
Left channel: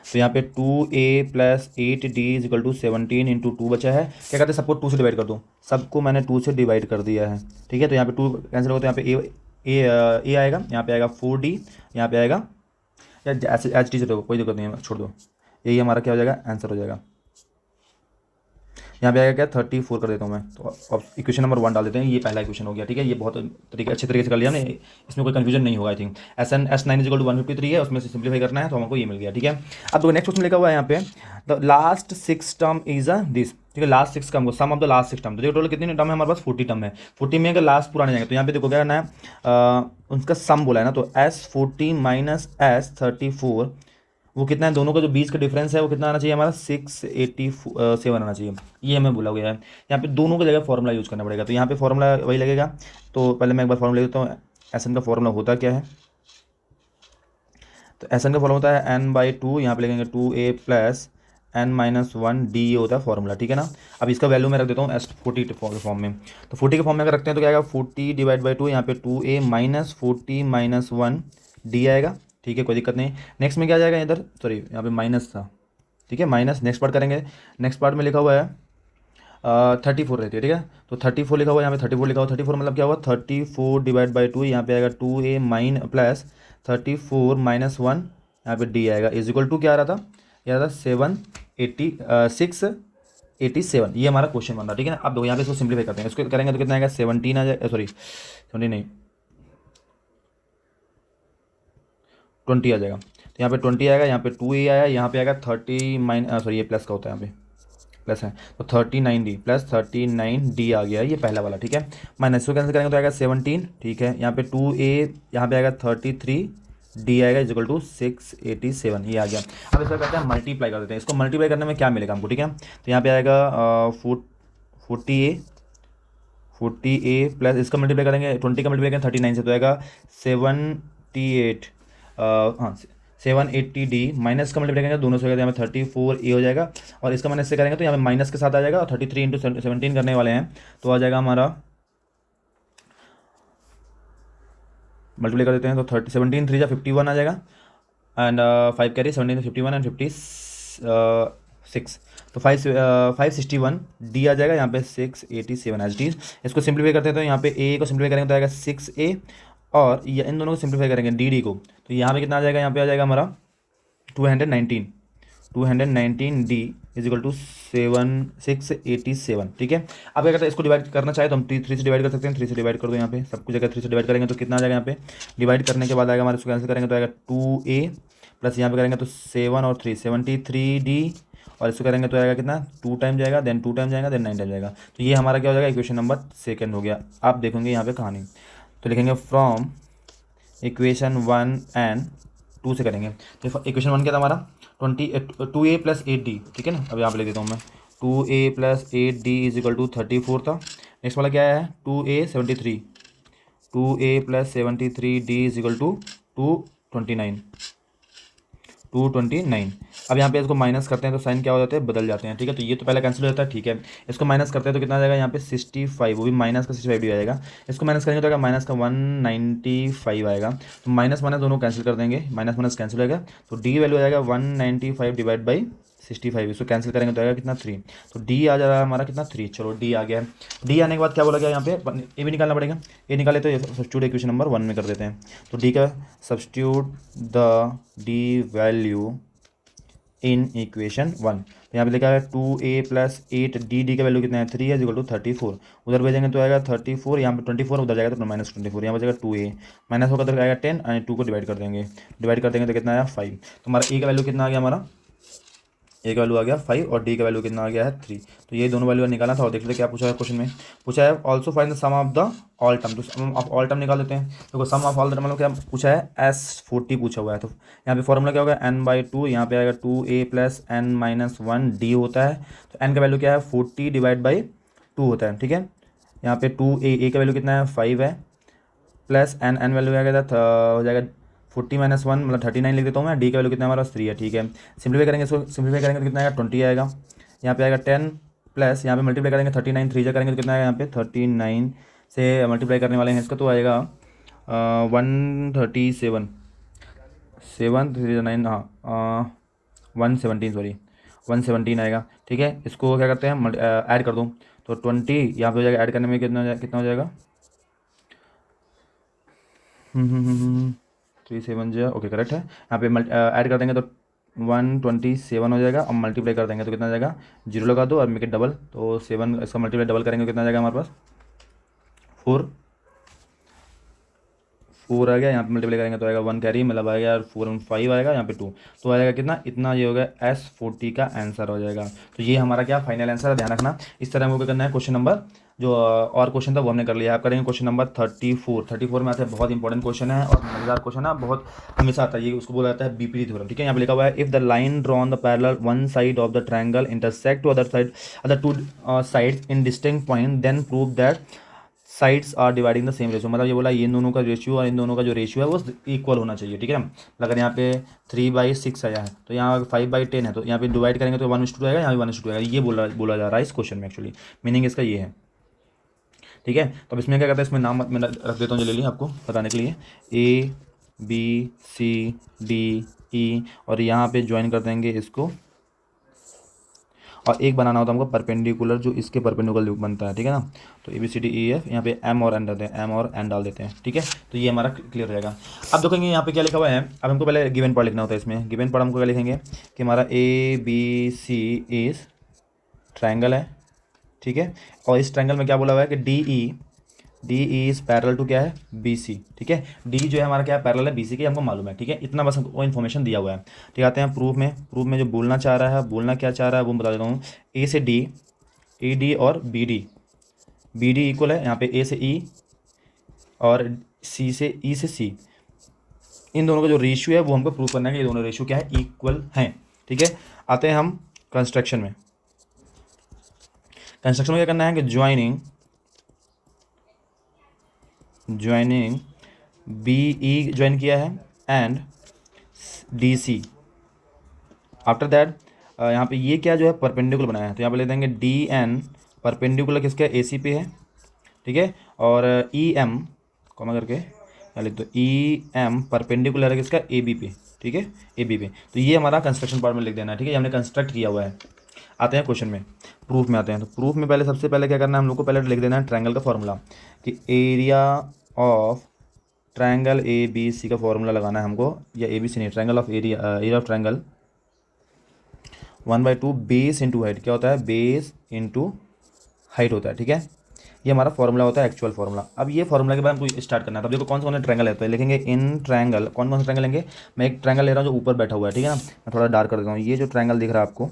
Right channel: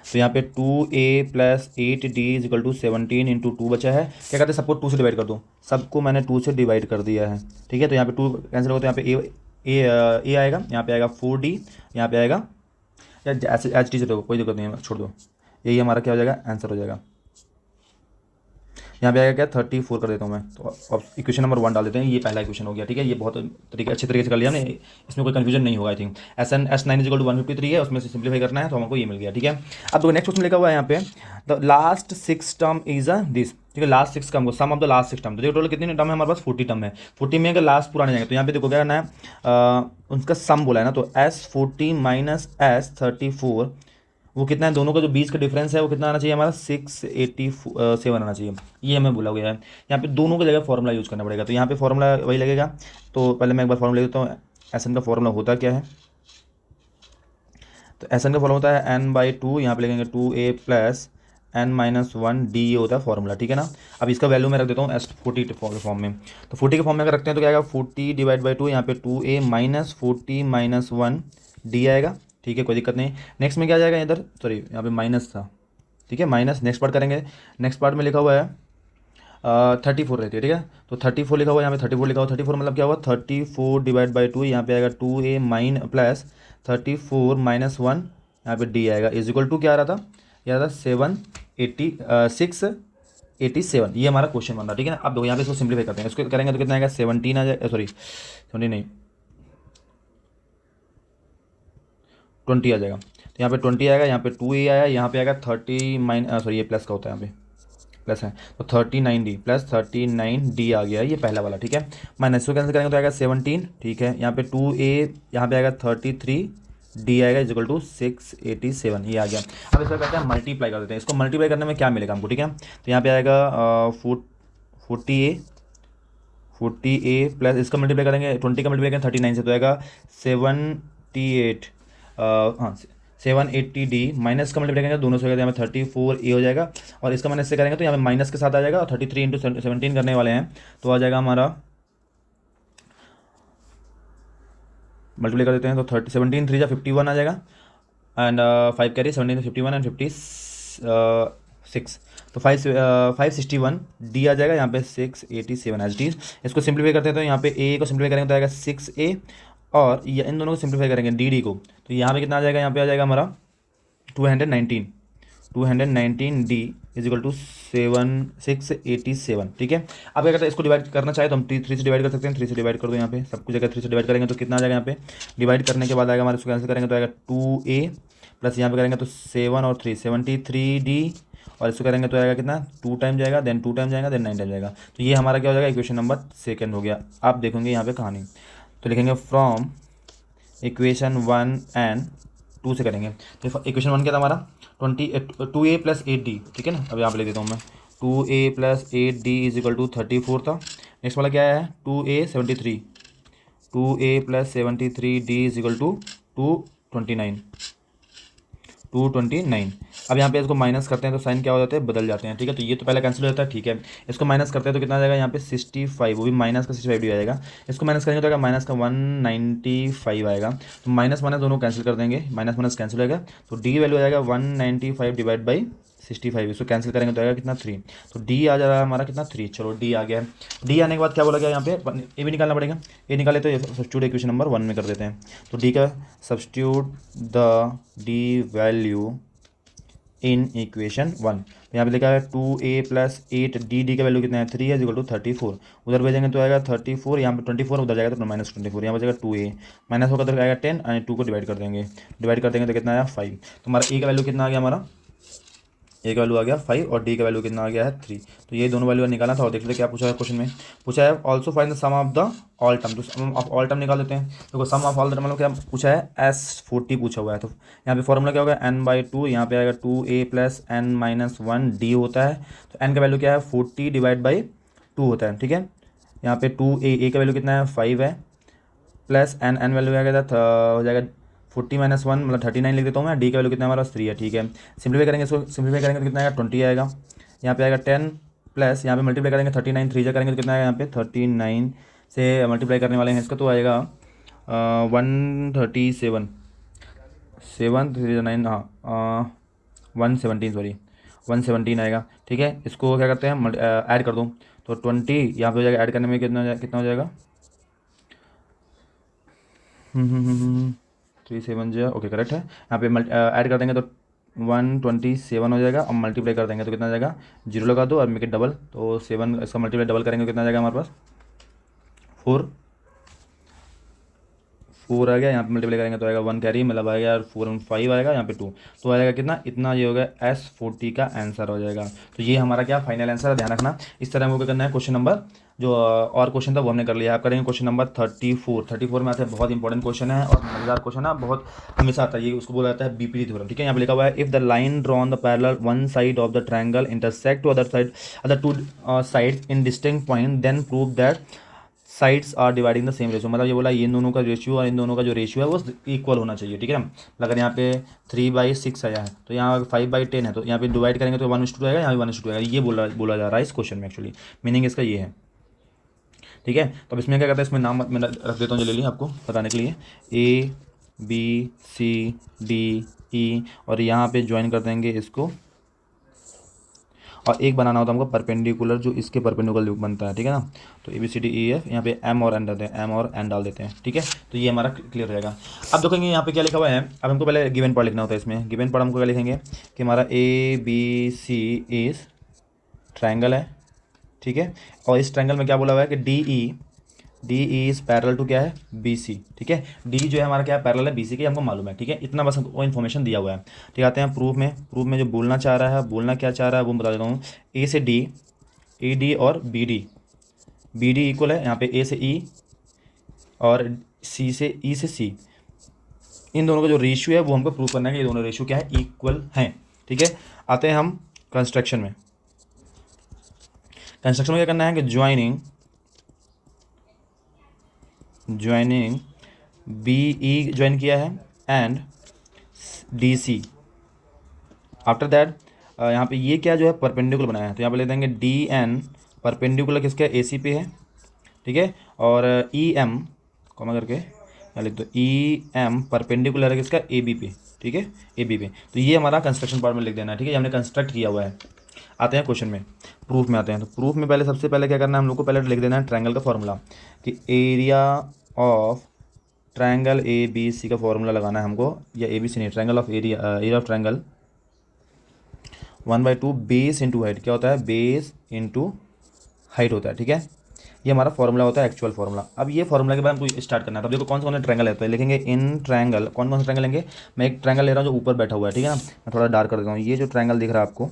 तो यहाँ पे 2a plus 8d is equal to 17 into 2 बचा है, क्या कहते हैं सबको 2 से डिवाइड कर दूँ, सबको मैंने 2 से डिवाइड कर दिया है, ठीक है। तो यहाँ पे 2 कैंसिल होता है, यहाँ पे a आएगा, यहाँ पे आएगा 4d, यहाँ पे आएगा ऐसे HT से, दो कोई दिक्कत नहीं है, छोड़ दो, यही हमारा क्या हो जाएगा आंसर हो जाएगा। यहाँ पे आएगा क्या 34 कर देता हूँ मैं, तो अब इक्वेशन नंबर 1 डाल देते हैं, ये पहला इक्वेशन हो गया, ठीक है। ये बहुत अच्छे तरीके से कर लिया हमने, इसमें कोई कंफ्यूजन नहीं होगा, I think. S9 equal to 153 है, उसमें से सिंप्लीफाई करना है तो हमको ये मिल गया, ठीक है। अब तो नेक्स्ट क्वेश्चन लिखा हुआ है यहाँ पे, the last 6 term is this, ठीक है, last 6 term, sum of the last 6 term, तो टोटल कितने टर्म है हमारे पास 40 टर्म है, 40 में अगर लास्ट पूरा नहीं जाएगा तो यहाँ पे देखो क्या करना है, उनका सम बोला है ना, तो S40 माइनस S34, वो कितना है, दोनों का जो बीच का डिफरेंस है वो कितना आना चाहिए हमारा 687 आना चाहिए, ये हमें बोला गया है। यहाँ पे दोनों की जगह फॉर्मूला यूज करना पड़ेगा, तो यहाँ पे फॉर्मूला वही लगेगा। तो पहले मैं एक बार फॉर्मूला लेता हूँ, SN का फॉर्मूला होता क्या है, तो SN का फॉर्मूला होता है n/2, यहाँ पे लगेंगे 2a प्लस n-1d, ये होता है फॉर्मूला, ठीक है ना। अब इसका वैल्यू मैं रख देता हूँ S40 फॉर्म में, तो 40 के फॉर्म में अगर रखते हैं तो क्या आएगा 40 डिवाइड बाई 2, यहाँ पे 2a माइनस 40 माइनस 1d आएगा, ठीक है, कोई दिक्कत नहीं। नेक्स्ट में क्या आ जाएगा इधर, सॉरी यहाँ पे माइनस था, ठीक है, माइनस नेक्स्ट पार्ट करेंगे, नेक्स्ट पार्ट में लिखा हुआ है 34 रहती है, ठीक है। तो 34 लिखा हुआ है, यहाँ पे 34 लिखा हुआ, 34 मतलब क्या हुआ 34 डिवाइड बाई 2, यहाँ पे आएगा 2a माइन प्लस 34 माइनस 1, यहाँ पे d आएगा, इज इक्वल टू क्या आ रहा था, ये आ रहा 687, ये हमारा क्वेश्चन बन रहा है, ठीक है ना। अब देखो यहाँ पे इसको सिंप्लीफाई करते हैं, इसको करेंगे तो कितना आएगा 17 आ जाएगा, सॉरी 20 नहीं 20 आ जाएगा, तो यहाँ पे 20 आएगा, यहाँ पे 2a आया, यहाँ पे आएगा 30 सॉरी ये प्लस का होता है, यहाँ पे प्लस है, तो 39d प्लस 39d आ गया, ये पहला वाला, ठीक है। माइनस को कैंसिल करेंगे तो आएगा 17, ठीक है। यहाँ पे 2a, यहाँ पे आएगा 33d आएगा इज इक्वल टू 687, ये आ गया। अब इसका कहते हैं मल्टीप्लाई कर देते हैं, इसको मल्टीप्लाई करने में क्या मिलेगा हमको, ठीक है। तो यहाँ पे आएगा 40 40A प्लस इसका मल्टीप्लाई करेंगे 20 का मल्टीप्लाई करेंगे 39 से, तो आएगा 78 780D माइनस का मल्टीप्लाई करेंगे दोनों से, यहाँ पे 34A हो जाएगा, और इसका माइनस से करेंगे तो यहाँ पे माइनस के साथ आ जाएगा, और 33 इंटू 17 करने वाले हैं तो आ जाएगा हमारा, मल्टीप्लाई कर देते हैं तो 17 3 जा 51 आ जाएगा, एंड 5 कैरी 17 51 एंड 56, तो 561D आ जाएगा, यहाँ पे 687 इसको सिंप्लीफाई करते हैं तो यहाँ पे ए को सिंप्लीफाई करेंगे तो आएगा 6A, और इन दोनों को सिंप्लीफाई करेंगे डी को, तो यहाँ पे कितना आ जाएगा, यहाँ पे आ जाएगा हमारा 219D इज इक्वल टू 687, ठीक है। अब क्या करते हैं, इसको डिवाइड करना चाहे तो हम 3 से डिवाइड कर सकते हैं, 3 से डिवाइड कर दो, यहाँ पे सब कुछ अगर 3 से डिवाइड करेंगे तो कितना आ जाएगा, यहाँ पे डिवाइड करने के बाद आएगा हमारे, इसको कैंसिल करेंगे तो आएगा 2A प्लस यहाँ पे करेंगे तो 7 और 3 73D, और इसको करेंगे तो आएगा कितना 2 टाइम जाएगा, देन 2 टाइम जाएगा, देन 9 टाइम जाएगा, तो ये हमारा क्या हो जाएगा, इक्वेशन नंबर 2 हो गया। आप देखोगे यहाँ पे कहानी, तो लिखेंगे फ्रॉम इक्वेशन 1 एंड 2 से करेंगे, तो इक्वेशन 1 क्या था हमारा 2A प्लस 8D, ठीक है ना। अब यहाँ पे ले देता हूँ मैं, 2A plus 8D is equal to 34 था। नेक्स्ट वाला क्या है 2A 73, 2A plus 73D is equal to 229। अब यहाँ पे इसको माइनस करते हैं तो साइन क्या हो जाता है, बदल जाते हैं, ठीक है। तो ये तो पहले कैंसिल हो जाता है, ठीक है। इसको माइनस करते हैं तो कितना आ जाएगा, यहाँ पे 65, वो भी माइनस का 65 आएगा। इसको माइनस करेंगे तो आएगा माइनस का 195 आएगा, तो माइनस माइनस दोनों कैंसिल कर देंगे, माइनस माइनस कैंसिल होगा, तो डी वैल्यू आएगा 195 डिवाइड बाई 65, इसको कैंसिल करेंगे तो आएगा कितना 3, तो डी आ जा रहा है हमारा कितना 3। चलो डी आ गया। डी आने के बाद क्या बोला गया यहाँ पे, ए भी निकालना पड़ेगा, ए निकाले तो सब्स्टिट्यूट इक्वेशन नंबर 1 में कर देते हैं, तो डी का substitute the D value in equation 1, तो यहाँ पे लिखा है 2A प्लस 8D का वैल्यू कितना है 3 है इक्वल टू 34, उधर भेजेंगे तो आएगा 34, यहाँ पे 24 उधर जाएगा तो माइनस 24, यहाँ पे जाएगा 2A माइनस होगा तो आएगा 10 और 2 को डिवाइड कर देंगे, तो कितना आया 5, तो हमारा ए का वैल्यू कितना आ गया, हमारा ए का वैल्यू आ गया 5 और डी का वैल्यू कितना आ गया है 3, तो ये दोनों वैल्यू निकालना था। और देख लेते क्या पूछा है क्वेश्चन में, पूछा है also find the sum of the all term, तो सम ऑफ ऑल टर्म निकाल लेते हैं। तो सम ऑफ ऑल टर्म मतलब क्या पूछा है, S40 पूछा हुआ है, तो यहाँ पे फॉर्मूला क्या होगा n/2, यहाँ पे आएगा 2A प्लस n-1D होता है, तो n का वैल्यू क्या है 40 डिवाइड बाई 2 होता है, ठीक है। यहाँ पे 2A का वैल्यू कितना है 5 है, प्लस n वैल्यू आएगा हो जाएगा 40 माइनस 1 मतलब 39 लिख देता हूँ मैं। डी का वैल्यू कितना है हमारा 3 है, ठीक है। सिंप्लीफाई करेंगे, इसको सिंप्लीफाई करेंगे तो कितना आएगा 20 आएगा, यहाँ पे आएगा 10 प्लस यहाँ पे मल्टीप्लाई करेंगे 39 3 जा करेंगे तो कितना आएगा यहाँ पे 39 से मल्टीप्लाई करने वाले हैं इसका, तो आएगा 137 7 3 9 हाँ 117 सॉरी 117 आएगा, ठीक है। इसको क्या करते हैं ऐड कर दूँ तो 20 यहाँ पे हो जाएगा, ऐड करने में कितना हो जाएगा 37 जो ओके करेक्ट है। यहाँ पे ऐड कर देंगे तो 127 हो जाएगा, और मल्टीप्लाई कर देंगे तो कितना आ जाएगा 0 लगा दो और मेक इट डबल, तो 7 इसका मल्टीप्लाई डबल करेंगे तो कितना आ जाएगा हमारे पास 4 आ गया। यहाँ पे मल्टीप्लाई करेंगे तो आएगा 1 कैरी मतलब आएगा 4 और 5 आएगा, यहाँ पे 2 तो आएगा कितना इतना, ये हो गया S40 का आंसर हो जाएगा। तो ये हमारा क्या फाइनल आंसर है, ध्यान रखना। इस तरह हमको करना है क्वेश्चन नंबर जो और क्वेश्चन था वो हमने कर लिया। आप करेंगे क्वेश्चन नंबर 34 में आता है, बहुत इंपॉर्टेंट क्वेश्चन है और मजेदार क्वेश्चन है, बहुत हमेशा आता है ये, उसको बोला जाता है बीपीटी थ्योरम, ठीक है। यहाँ पे लिखा हुआ है if the line drawn the parallel one side of the triangle intersect to other two sides in distinct point then prove that sides are dividing the same ratio, मतलब ये बोला ये इन दोनों का रेशियो और इन दोनों का जो रेशियो है वो इक्वल होना चाहिए, ठीक है ना। अगर यहाँ पे 3/6 आया है तो यहाँ 5/10 है, तो यहाँ पे डिवाइड करेंगे तो 1:2 आएगा, यहाँ भी 1:2 आएगा, ये बोला जा रहा है इस क्वेश्चन में। एक्चुअली मीनिंग इसका ये है, ठीक है। तो अब इसमें क्या करते हैं, इसमें नाम मैं रख देता हूँ ले लिया आपको बताने के लिए, ABCDE और यहाँ पे ज्वाइन कर देंगे इसको, और एक बनाना होता है हमको परपेंडिकुलर जो इसके परपेंडिकुलर बनता है, ठीक है ना। तो ABCDEF यहाँ पे M और N डालते हैं, M और N डाल देते हैं, ठीक है। तो ये हमारा क्लियर रहेगा। अब देखेंगे यहाँ पे क्या लिखा हुआ है, अब हमको पहले गिवन पार्ट लिखना होता है। इसमें गिवन पार्ट हमको क्या लिखेंगे कि हमारा ABC इज ट्रायंगल है, ठीक है। और इस ट्रायंगल में क्या बोला हुआ है कि डी इज पैरेलल टू क्या है BC, ठीक है। डी जो है हमारा क्या है पैरेलल है BC के, हमको मालूम है, ठीक है। इतना बस वो इन्फॉर्मेशन दिया हुआ है, ठीक। आते हैं प्रूफ में जो बोलना चाह रहा है, बोलना क्या चाह रहा है वो बता देता हूँ। A से D, ED और BD इक्वल है, यहाँ पे A से E और C से E से C, इन दोनों का जो रेशियो है वो हमको प्रूव करना है कि ये दोनों रेशियो क्या है इक्वल हैं, ठीक है। आते हैं हम कंस्ट्रक्शन में क्या करना है कि joining joining B E join किया है and D C. After that यहाँ पे ये क्या जो है परपेंडिकुलर बनाया है, तो यहाँ पे ले देंगे डी एन परपेंडिकुलर किसके ए सी पे है, ठीक है। और ई एम कॉमा करके क्या लिख दो, ई एम परपेंडिकुलर है किसका ए बी पे, ठीक है, ए बी पे। तो ये हमारा कंस्ट्रक्शन पार्ट में लिख देना है, ठीक है, ये हमने कंस्ट्रक्ट किया हुआ है। आते हैं क्वेश्चन में, प्रूफ में आते हैं। तो प्रूफ में पहले सबसे पहले क्या करना है हम लोग को, पहले लिख देना है ट्रायंगल का फॉर्मूला, कि area of triangle A B C का फॉर्मूला लगाना है हमको, या ए बी सी नहीं, triangle of area of triangle 1/2 base into height, क्या होता है, बेस इंटू हाइट होता है, ठीक है। ये हमारा फॉर्मूला होता है, एक्चुअल फॉर्मूला। अब ये फॉर्मूला के बाद हमको स्टार्ट करना है। तो देखो कौन सा ट्रायंगल होता है, लिखेंगे इन ट्रायंगल, कौन कौन सा ट्रायंगल लेंगे। मैं एक ट्रायंगल ले रहा हूँ जो ऊपर बैठा हुआ है, ठीक है ना, मैं थोड़ा डार्क कर देता हूँ। ये जो ट्रायंगल दिख रहा है आपको,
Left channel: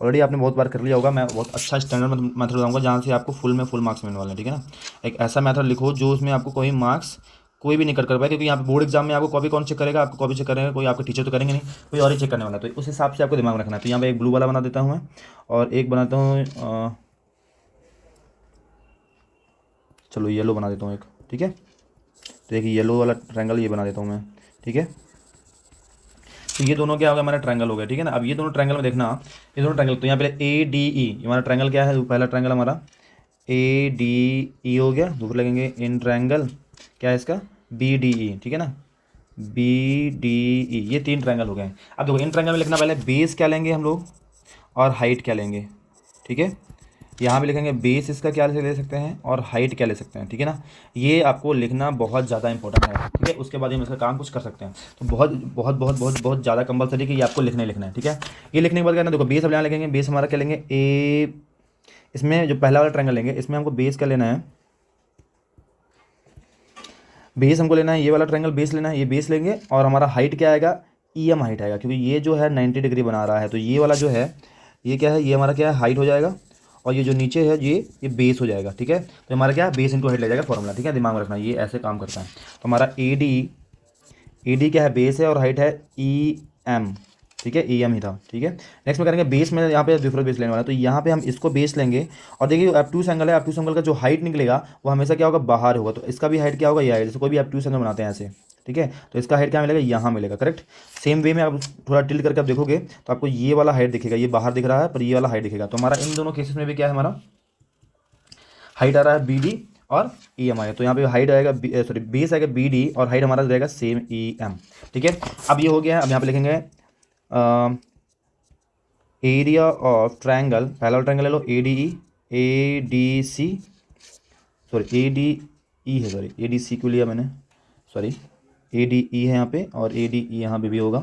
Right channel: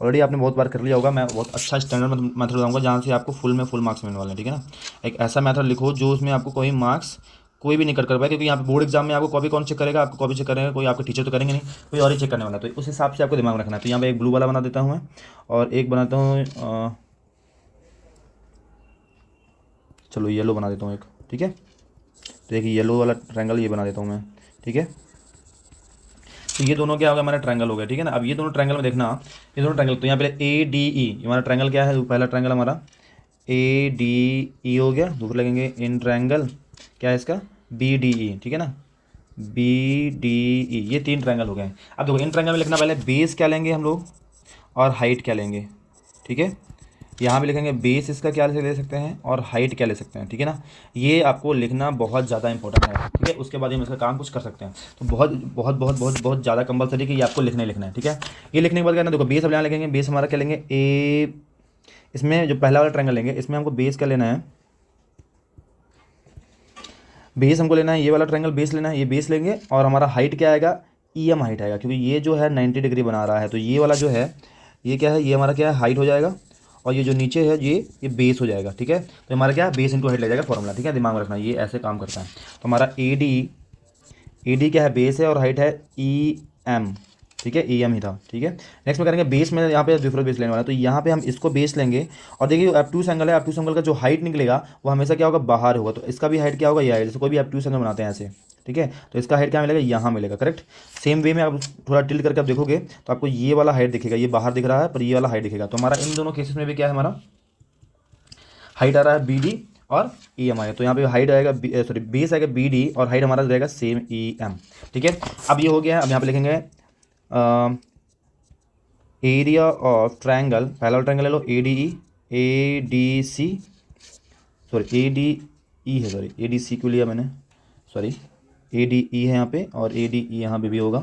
ऑलरेडी आपने बहुत बार कर लिया होगा, मैं बहुत अच्छा स्टैंडर्ड मेथड बताऊंगा जहाँ से आपको फुल मार्क्स मिलने वाला है, ठीक है ना। एक ऐसा मेथड लिख लो जो उसमें आपको कोई मार्क्स कोई भी नहीं कट कर पाए, क्योंकि यहाँ पे बोर्ड एग्जाम में आपको कॉपी कौन चेक करेगा, आपको कॉपी चेक करेगा कोई, आपके टीचर तो करेंगे नहीं, कोई और ही चेक करने वाला। तो उस हिसाब से आपको दिमाग रखना है। तो यहाँ पे एक ब्लू वाला बना देता हूँ मैं, और एक बनाता हूँ, चलो येलो बना देता हूँ एक, ठीक है। तो देखिए येलो वाला ट्रायंगल ये बना देता हूँ मैं, ठीक है। ये दोनों क्या होगा, हमारा ट्रायंगल हो गया, ठीक है ना। अब ये दोनों ट्रायंगल में देखना आप, ये दोनों ट्रायंगल, तो यहाँ पे ए डी ई हमारा ट्रायंगल क्या है, पहला ट्रायंगल हमारा ए डी ई हो गया। दूसरा लगेंगे इन ट्रायंगल क्या है इसका, बी डी ई, ठीक है ना, बी डी ई। ये 3 ट्रायंगल हो गए। अब देखो इन ट्रायंगल में लिखना, पहले बेस क्या लेंगे हम लोग और हाइट क्या लेंगे, ठीक है। यहाँ पे लिखेंगे बेस इसका क्या ले सकते हैं और हाइट क्या ले सकते हैं, ठीक है ना। ये आपको लिखना बहुत ज़्यादा इंपॉर्टेंट है, ठीक है। उसके बाद ही इसका काम कुछ कर सकते हैं। तो बहुत बहुत बहुत बहुत बहुत ज़्यादा कंपलसरी कि ये आपको लिखना है, ठीक है। ये लिखने के बाद क्या ना, देखो बेस अब यहाँ लिखेंगे, बेस हमारा क्या लेंगे, ए, इसमें जो पहला वाला ट्रायंगल लेंगे इसमें हमको बेस क्या लेना है, बेस हमको लेना है, ये वाला ट्रायंगल बेस लेना है, ये बेस लेंगे। और हमारा हाइट क्या आएगा, ई एम हाइट आएगा, क्योंकि ये जो है 90 डिग्री बना रहा है, तो ये वाला जो है ये क्या है, ये हमारा क्या है, हाइट हो जाएगा। और ये जो नीचे है ये बेस हो जाएगा, ठीक है। तो हमारा क्या है, बेस इंटू हाइट ले जाएगा फॉर्मूला, ठीक है, दिमाग में रखना, ये ऐसे काम करता है। तो हमारा ए डी क्या है, बेस है, और हाइट है ई एम, ठीक है, ई एम ही था, ठीक है। नेक्स्ट में करेंगे बेस में, यहाँ पे डिफरेंट बेस लेने वाला है, तो यहाँ पे हम इसको बेस लेंगे। और देखिए एब्ट्यूस एंगल है, एब्ट्यूस एंगल का जो हाइट निकलेगा वो हमेशा क्या होगा, बाहर होगा। तो इसका भी हाइट क्या होगा, ये हाइट, जैसे कोई भी एब्ट्यूस एंगल बनाते हैं ऐसे, ठीक है। तो इसका हाइट क्या मिलेगा, यहाँ मिलेगा, करेक्ट। सेम वे में आप थोड़ा टिल्ट करके आप देखोगे तो आपको ये वाला हाइट दिखेगा, ये बाहर दिख रहा है पर ये वाला हाइट दिखेगा। तो हमारा इन दोनों केसेस में भी क्या है, हमारा हाइट आ रहा है बी डी और ई एम आएगा। तो यहाँ पे हाइट आएगा, सॉरी बेस आएगा बी डी और हाइट हमारा जाएगा सेम ई एम, ठीक है। अब ये हो गया। अब यहाँ पे लिखेंगे एरिया ऑफ ट्रायंगल, पहला ट्रायंगल ले लो A D C, sorry A D E है, सॉरी ए डी सी क्यों लिया मैंने, सॉरी ए डी ई है यहाँ पे, और ए डी ई यहाँ पे भी होगा।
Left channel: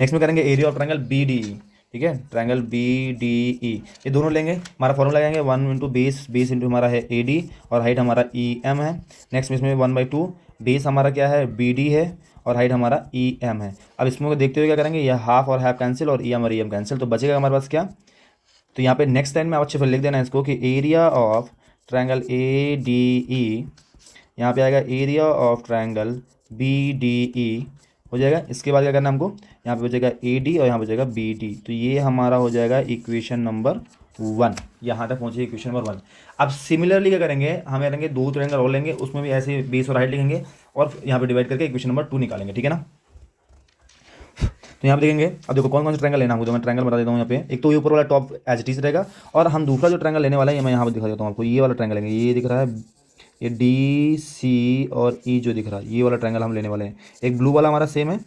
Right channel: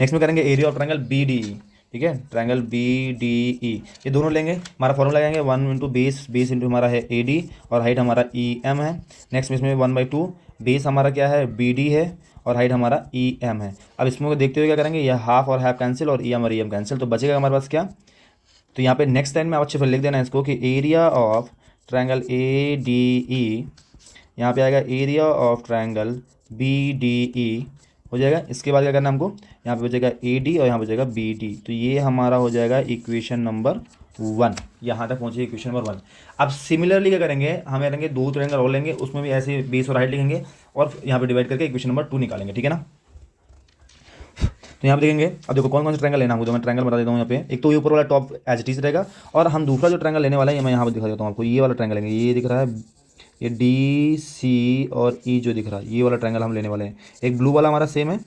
नेक्स्ट में करेंगे area of triangle B D E, ठीक है, ट्रायंगल बी डी ई, ये दोनों लेंगे। हमारा फॉर्मूला लगाएंगे 1 इंटू बेस, बेस इंटू हमारा है ए डी और हाइट हमारा ई एम है। नेक्स्ट इसमें 1/2 बेस हमारा क्या है, बी डी है, और हाइट हमारा ई एम है। अब इसमें देखते हुए क्या करेंगे, ये हाफ और हाफ कैंसिल और ई एम और ई एम कैंसिल, तो बचेगा हमारे पास क्या। तो यहाँ पे नेक्स्ट टाइम में अच्छे से लिख देना इसको कि area of triangle A D E, यहाँ पे आएगा area of triangle B D E हो जाएगा। इसके बाद क्या करना हमको, यहाँ पे बचेगा ए डी और यहाँ बचेगा बी डी। तो ये हमारा हो जाएगा इक्वेशन नंबर 1, यहाँ तक पहुँचे इक्वेशन नंबर 1। अब सिमिलरली क्या करेंगे, हम लेंगे 2 ट्रायंगल और लेंगे, उसमें भी ऐसे बेस और हाइट लिखेंगे और यहाँ पे डिवाइड करके इक्वेशन नंबर 2 निकालेंगे, ठीक है ना। तो यहाँ पे देखेंगे, अब देखो कौन कौन सा ट्रायंगल लेना है, तो मैं ट्रायंगल बता देता हूँ। यहाँ पे एक तो ऊपर वाला टॉप एज इट इज रहेगा, और हम दूसरा जो ट्रायंगल लेने वाला है मैं यहाँ पे दिखा देता हूँ आपको। ये वाला ट्रायंगल लेंगे, ये दिख रहा है, ये डी सी और ई जो दिख रहा है, ये वाला ट्रायंगल हम लेने वाले हैं। एक ब्लू वाला हमारा सेम है,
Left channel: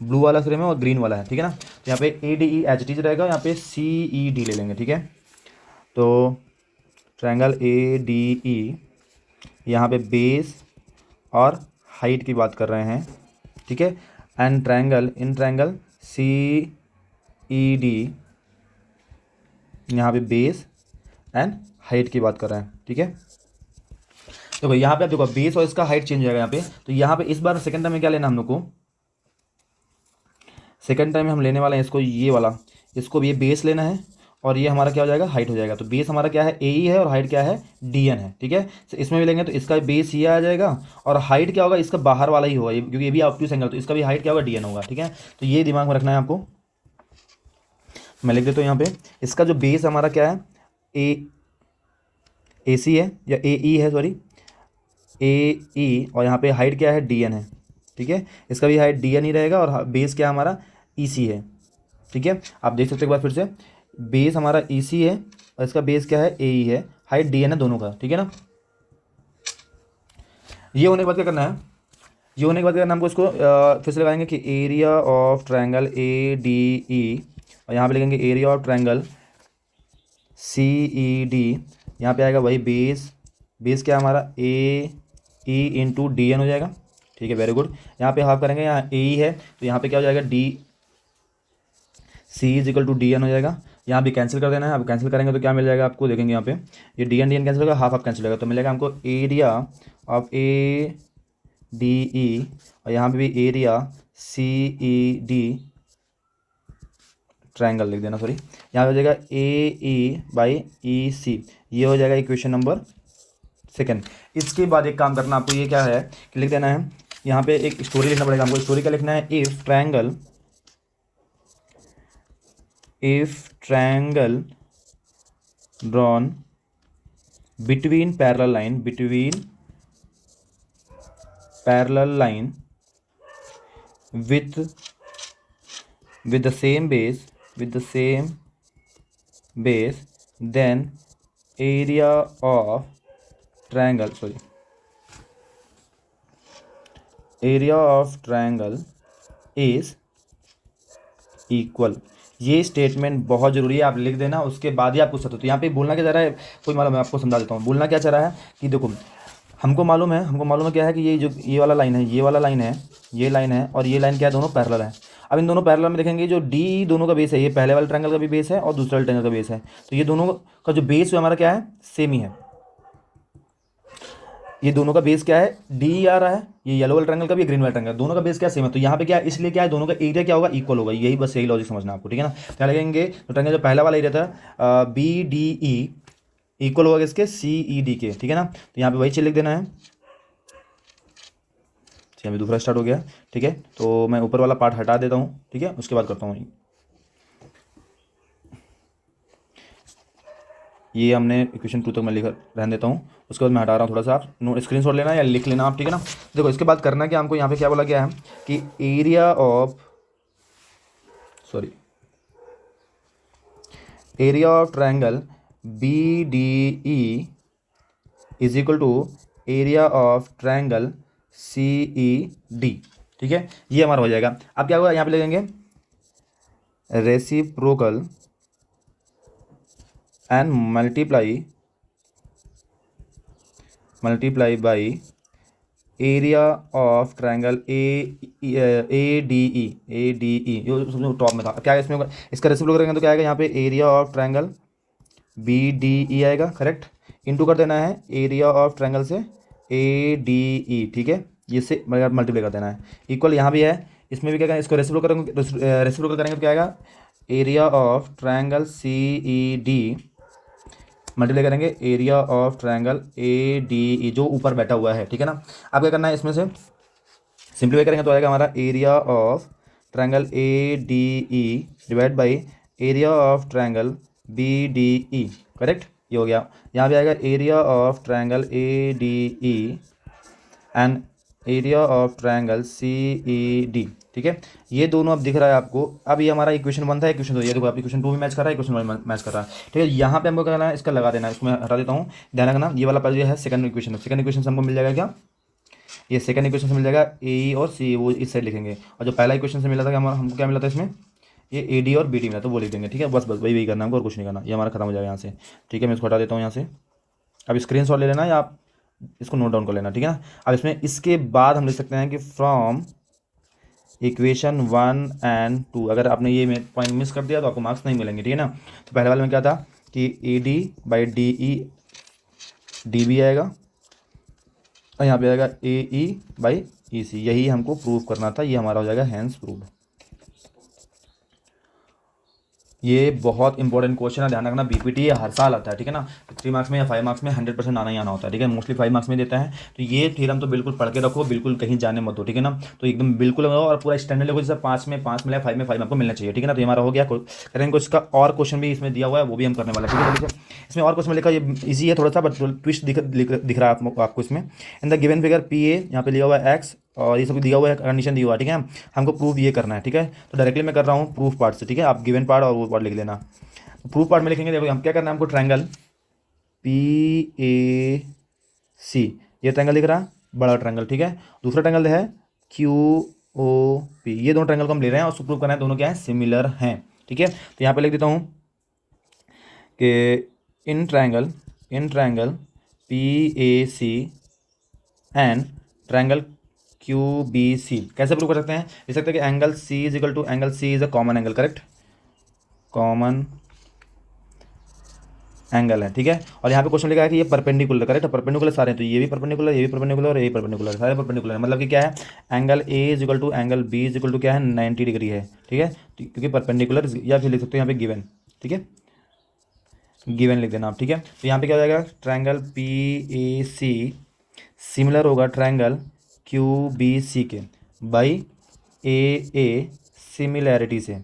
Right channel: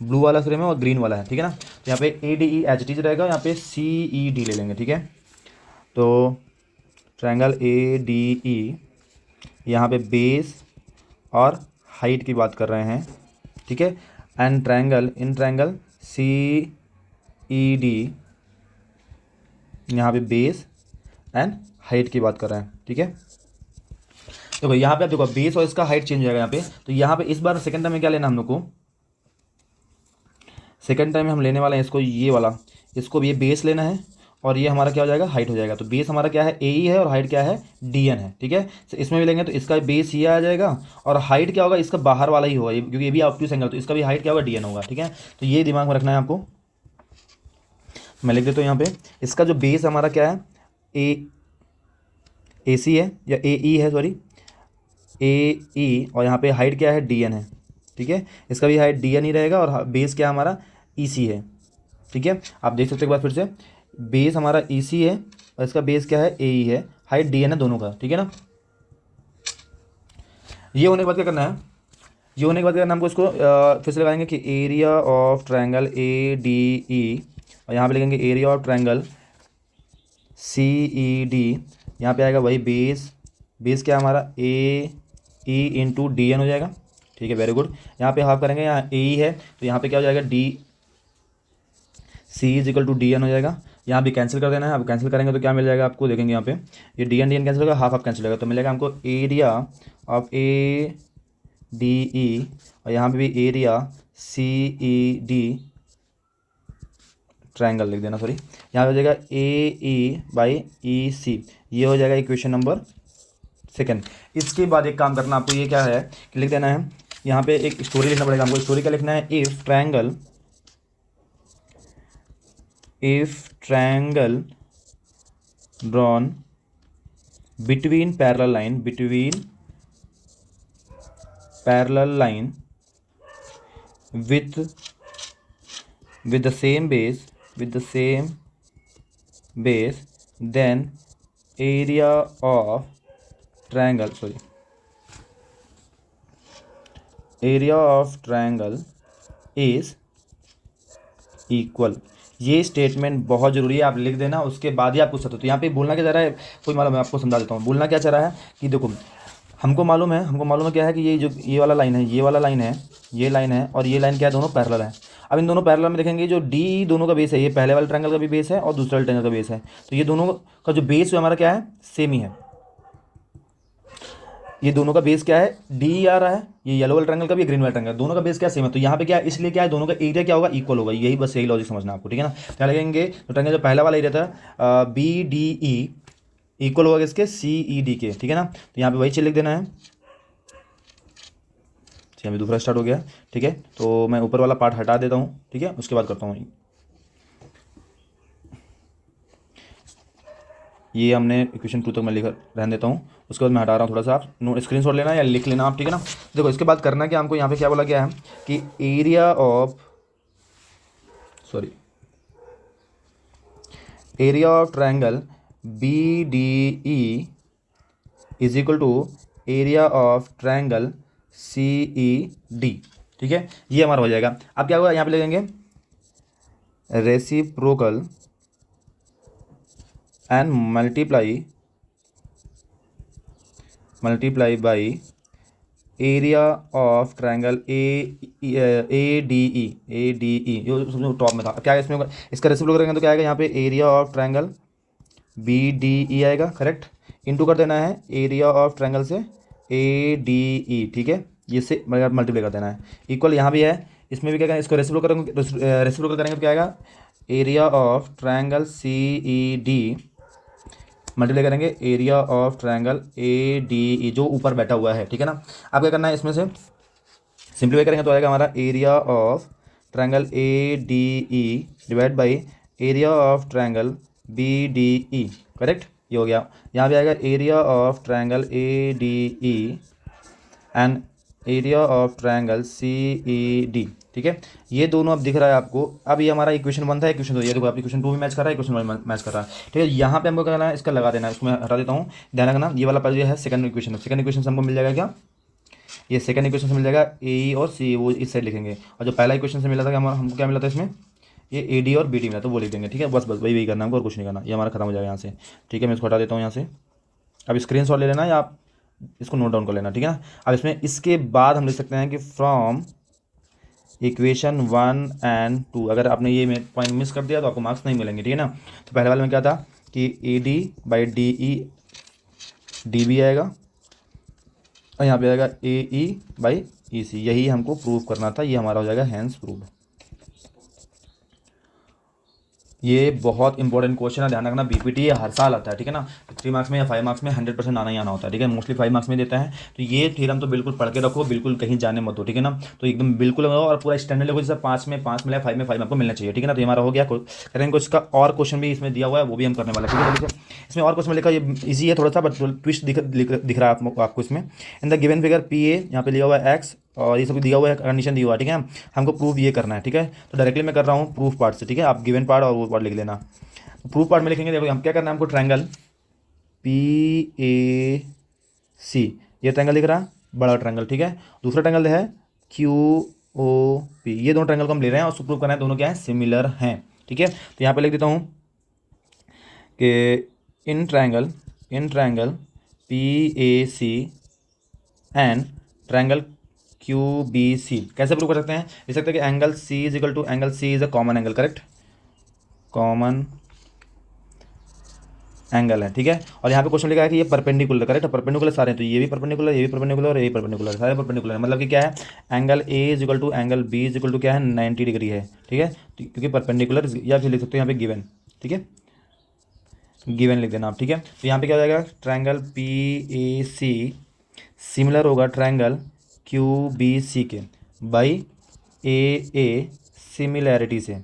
ब्लू वाला सेम है और ग्रीन वाला है, ठीक है ना। तो यहाँ पे ए डी ई एच डी रहेगा, यहाँ पे सी ई डी ले लेंगे, ठीक है। तो ट्रायंगल ए डी ई, यहाँ पे बेस और हाइट की बात कर रहे हैं, ठीक है। And triangle in triangle C E D, यहाँ पे बेस एंड हाइट की बात कर रहे हैं, ठीक है। तो भाई यहाँ पे आप देखो बेस और इसका हाइट चेंज हो जाएगा यहाँ पे। तो यहाँ पे इस बार सेकंड टाइम में क्या लेना हम लोग को, सेकंड टाइम में हम लेने वाले हैं इसको, ये वाला, इसको भी ये बेस लेना है और ये हमारा क्या हो जाएगा, हाइट हो जाएगा। तो बेस हमारा क्या है, ए ई है, और हाइट क्या है, डी एन है, ठीक है। तो इसमें भी लेंगे तो इसका बेस ये आ जाएगा और हाइट क्या होगा, इसका बाहर वाला ही होगा, क्योंकि ये भी ऑब्ट्यूस एंगल, तो इसका भी हाइट क्या होगा, डी एन होगा, ठीक है। तो ये दिमाग में रखना है आपको। मैं लिख देता हूँ यहाँ पे, इसका जो बेस हमारा क्या है, ए सी है या ए ई है, सॉरी, ए ई, और यहाँ पे हाइट क्या है, डी एन है, ठीक है। इसका भी हाइट डी एन ही रहेगा, और बेस क्या हमारा ई सी है, ठीक है। आप देख सकते हो एक बार फिर से, बेस हमारा ई सी है और इसका बेस क्या है, ए ई है, हाइट डी एन है दोनों का, ठीक है ना। ये होने के बाद क्या करना है, ये होने के बाद क्या करना है हमको, इसको फिर से लगाएंगे कि area of triangle A D E, और यहाँ पे लिखेंगे area of triangle C E D. यहाँ पे आएगा वही बेस, बेस क्या हमारा A E into D N हो जाएगा, ठीक है, वेरी गुड। यहाँ पे हाफ करेंगे, यहाँ ए ई है तो यहाँ पे क्या हो जाएगा, D C is equal to D N हो जाएगा। यहाँ पे कैंसिल कर देना है, अब कैंसिल करेंगे तो क्या मिल जाएगा आपको, देखेंगे यहाँ पे ये डी एन कैंसिल होगा, हाफ हाफ कैंसिल होगा, तो मिलेगा हमको area of A D E, और यहाँ पे भी एरिया सी ई डी, ट्रायंगल लिख देना, सॉरी, यहाँ पे हो जाएगा ए ई बाई ई सी, ये हो जाएगा इक्वेशन नंबर सेकंड। इसके बाद एक काम करना आपको, ये क्या है कि लिख देना है, यहाँ पे एक स्टोरी लिखना पड़ेगा आपको, स्टोरी क्या लिखना है, if triangle drawn between parallel line with the same base then area of triangle is equal। ये स्टेटमेंट बहुत जरूरी है, आप लिख देना, उसके बाद ही आप पूछ सकते हो। तो यहाँ पे बोलना क्या चाह रहा है, कोई मालूम है आपको, समझा देता हूँ। बोलना क्या चाह रहा है कि देखो, हमको मालूम है क्या है कि ये जो ये वाला लाइन है, ये वाला लाइन है, ये लाइन है, और ये लाइन क्या है, दोनों पैरेलल है। अब इन दोनों पैरेलल में देखेंगे, जो डी दोनों का बेस है, ये पहले वाले ट्रायंगल का भी बेस है और दूसरे ट्रायंगल का बेस है, तो ये दोनों का जो बेस है हमारा क्या है, सेम ही है। ये दोनों का बेस क्या है, डी आ रहा है, ये येलो वाला ट्रायंगल का भी, ग्रीन वाला ट्रायंगल, दोनों का बेस क्या सेम है, तो यहाँ पे क्या है, इसलिए क्या है, दोनों का एरिया क्या होगा, इक्वल होगा। यही बस यही लॉजिक समझना आपको, ठीक है ना। क्या लगेंगे, तो ट्रायंगल जो पहला वाला एरिया था बी डी ई इक्वल होगा इसके सी ई डी के, ठीक है ना। तो यहाँ पे वही चीज लिख देना है। अभी दूसरा स्टार्ट हो गया, ठीक है, तो मैं ऊपर वाला पार्ट हटा देता हूँ, ठीक है, उसके बाद करता हूँ। ये हमने इक्वेशन 2 तक मैं लिख रहने देता हूँ, उसके बाद मैं हटा रहा हूँ। थोड़ा सा आप नोट स्क्रीनशॉट लेना या लिख लेना आप, ठीक है ना। देखो इसके बाद करना क्या हमको, यहाँ पे क्या बोला गया है कि area of triangle B D E is equal to area of triangle C E D, ठीक है, ये हमारा हो जाएगा। अब क्या होगा, यहाँ पे ले लेंगे reciprocal and multiply by area of triangle A D E, top में था, क्या है इसमें, इसका रेसिप्रोकल करेंगे तो क्या आएगा, यहाँ पे area of triangle B D E आएगा, करेक्ट, इंटू कर देना है एरिया ऑफ ट्रायंगल से ए डी ई, ठीक है, इससे मल्टीप्लाई कर देना है, इक्वल यहाँ भी है, इसमें भी क्या, इसको रेसिप्रोकल करेंगे तो क्या आएगा, area of triangle C E D multiply करेंगे area of triangle A D E, जो ऊपर बैठा हुआ है, ठीक है ना। अब क्या करना है, इसमें से सिंप्लीफाई करेंगे तो आएगा हमारा area of triangle A D E divide by area of triangle B D E, correct, ये हो गया। यहाँ पे आएगा area of triangle A D E and area of triangle C A D, ठीक है, ये दोनों अब दिख रहा है आपको। अब ये हमारा इक्वेशन 1 था, इक्वेशन 2, ये देखो आप इक्वेशन 2 भी मैच कर रहा है, इक्वेशन 1 मैच कर रहा है, ठीक है। यहाँ पे हमको करना है, इसका लगा देना है, उसमें हटा देता हूँ, ध्यान रखना, ये वाला जो है सेकंड इक्वेशन से हमको मिल जाएगा क्या, ये सेकंड इक्वेशन से मिल जाएगा ए और सी, वो इस साइड लिखेंगे, और जो पहला इक्वेशन से मिला था हमारा, हमको क्या मिला था इसमें, ये ए डी और बी डी मिला, तो वो लिख देंगे, ठीक है, बस वही करना है और कुछ नहीं करना, ये हमारा खत्म हो जाएगा यहाँ से, ठीक है। मैं इसको हटा देता हूँ यहाँ से, अब स्क्रीनशॉट ले लेना या आप इसको नोट डाउन कर लेना, ठीक है। अब इसमें इसके बाद हम लिख सकते हैं कि फ्रॉम इक्वेशन 1 एंड 2, अगर आपने ये पॉइंट मिस कर दिया तो आपको मार्क्स नहीं मिलेंगे, ठीक है ना। तो पहले वाले में क्या था कि A D by D E D B आएगा, और यहाँ पे आएगा ए ई बाई ई सी, यही हमको प्रूव करना था, ये हमारा हो जाएगा हैंस प्रूव। ये बहुत इंपॉर्टेंट क्वेश्चन है, ध्यान रखना। बीपीटी हर साल आता है, ठीक है ना। 3 मार्क्स में या 5 मार्क्स में 100% आना ही आना होता है, ठीक है। मोस्टली 5 मार्क्स में देता है। तो ये थ्योरम तो बिल्कुल पढ़ के रखो, बिल्कुल कहीं जाने मत हो, ठीक है ना। तो एकदम बिल्कुल हो और पूरा स्टैंडर्ड लेवल, जैसे 5 में 5 मिला, 5 में 5 आपको मिलना चाहिए, ठीक है ना। तो ये हमारा हो गया। करेंगे कुछ का और क्वेश्चन भी इसमें दिया हुआ है, वो भी हम करने वाला है, ठीक है। तो देखिए इसमें और क्वेश्चन लिखा, ये इजी है थोड़ा सा, बट ट्विस्ट दिख रहा है आपको इसमें। In the given figure P A, यहाँ पे लिया हुआ है एक्स और ये सब दिया हुआ है, कंडीशन दिया हुआ है, ठीक है। हमको प्रूफ ये करना है, ठीक है। तो डायरेक्टली मैं कर रहा हूँ प्रूफ पार्ट से, ठीक है। आप गिवन पार्ट और वो पार्ट लिख लेना। प्रूफ पार्ट में लिखेंगे, देखो हम क्या करना है, हमको ट्रायंगल पी ए सी, ये ट्रायंगल दिख रहा है, बड़ा ट्रायंगल, ठीक है। दूसरा ट्रायंगल है क्यू ओ पी, ये दोनों ट्रायंगल को हम ले रहे हैं और उसको प्रूव करना है दोनों क्या है, सिमिलर है, ठीक है। तो यहाँ पे लिख देता हूँ कि in triangle P A C and triangle Q B C, कैसे प्रूव कर सकते हैं, लिख सकते हैं कि angle C is equal to angle C is a common angle, correct, common angle है, ठीक है। और यहाँ पे क्वेश्चन लिखा है कि ये परपेंडिकुलर, करेक्ट, परपेंडिकुलर सारे हैं। तो ये भी परपेंडिकुलर, ये भी परपेंडिकुलर और ये भी परपेंडिकुलर, सारे परपेंडिकुलर है। मतलब कि क्या है, angle A is equal to angle B is equal to क्या है, 90 डिग्री है, ठीक है। क्योंकि परपेंडिकुलर, या फिर लिख सकते हो यहाँ पे गिवन, ठीक है, गिवन लिख देना आप, ठीक है। तो यहाँ पे क्या हो जाएगा, triangle P A C similar होगा ट्रायंगल क्यू बी सी के बाई ए सिमिलैरिटी से,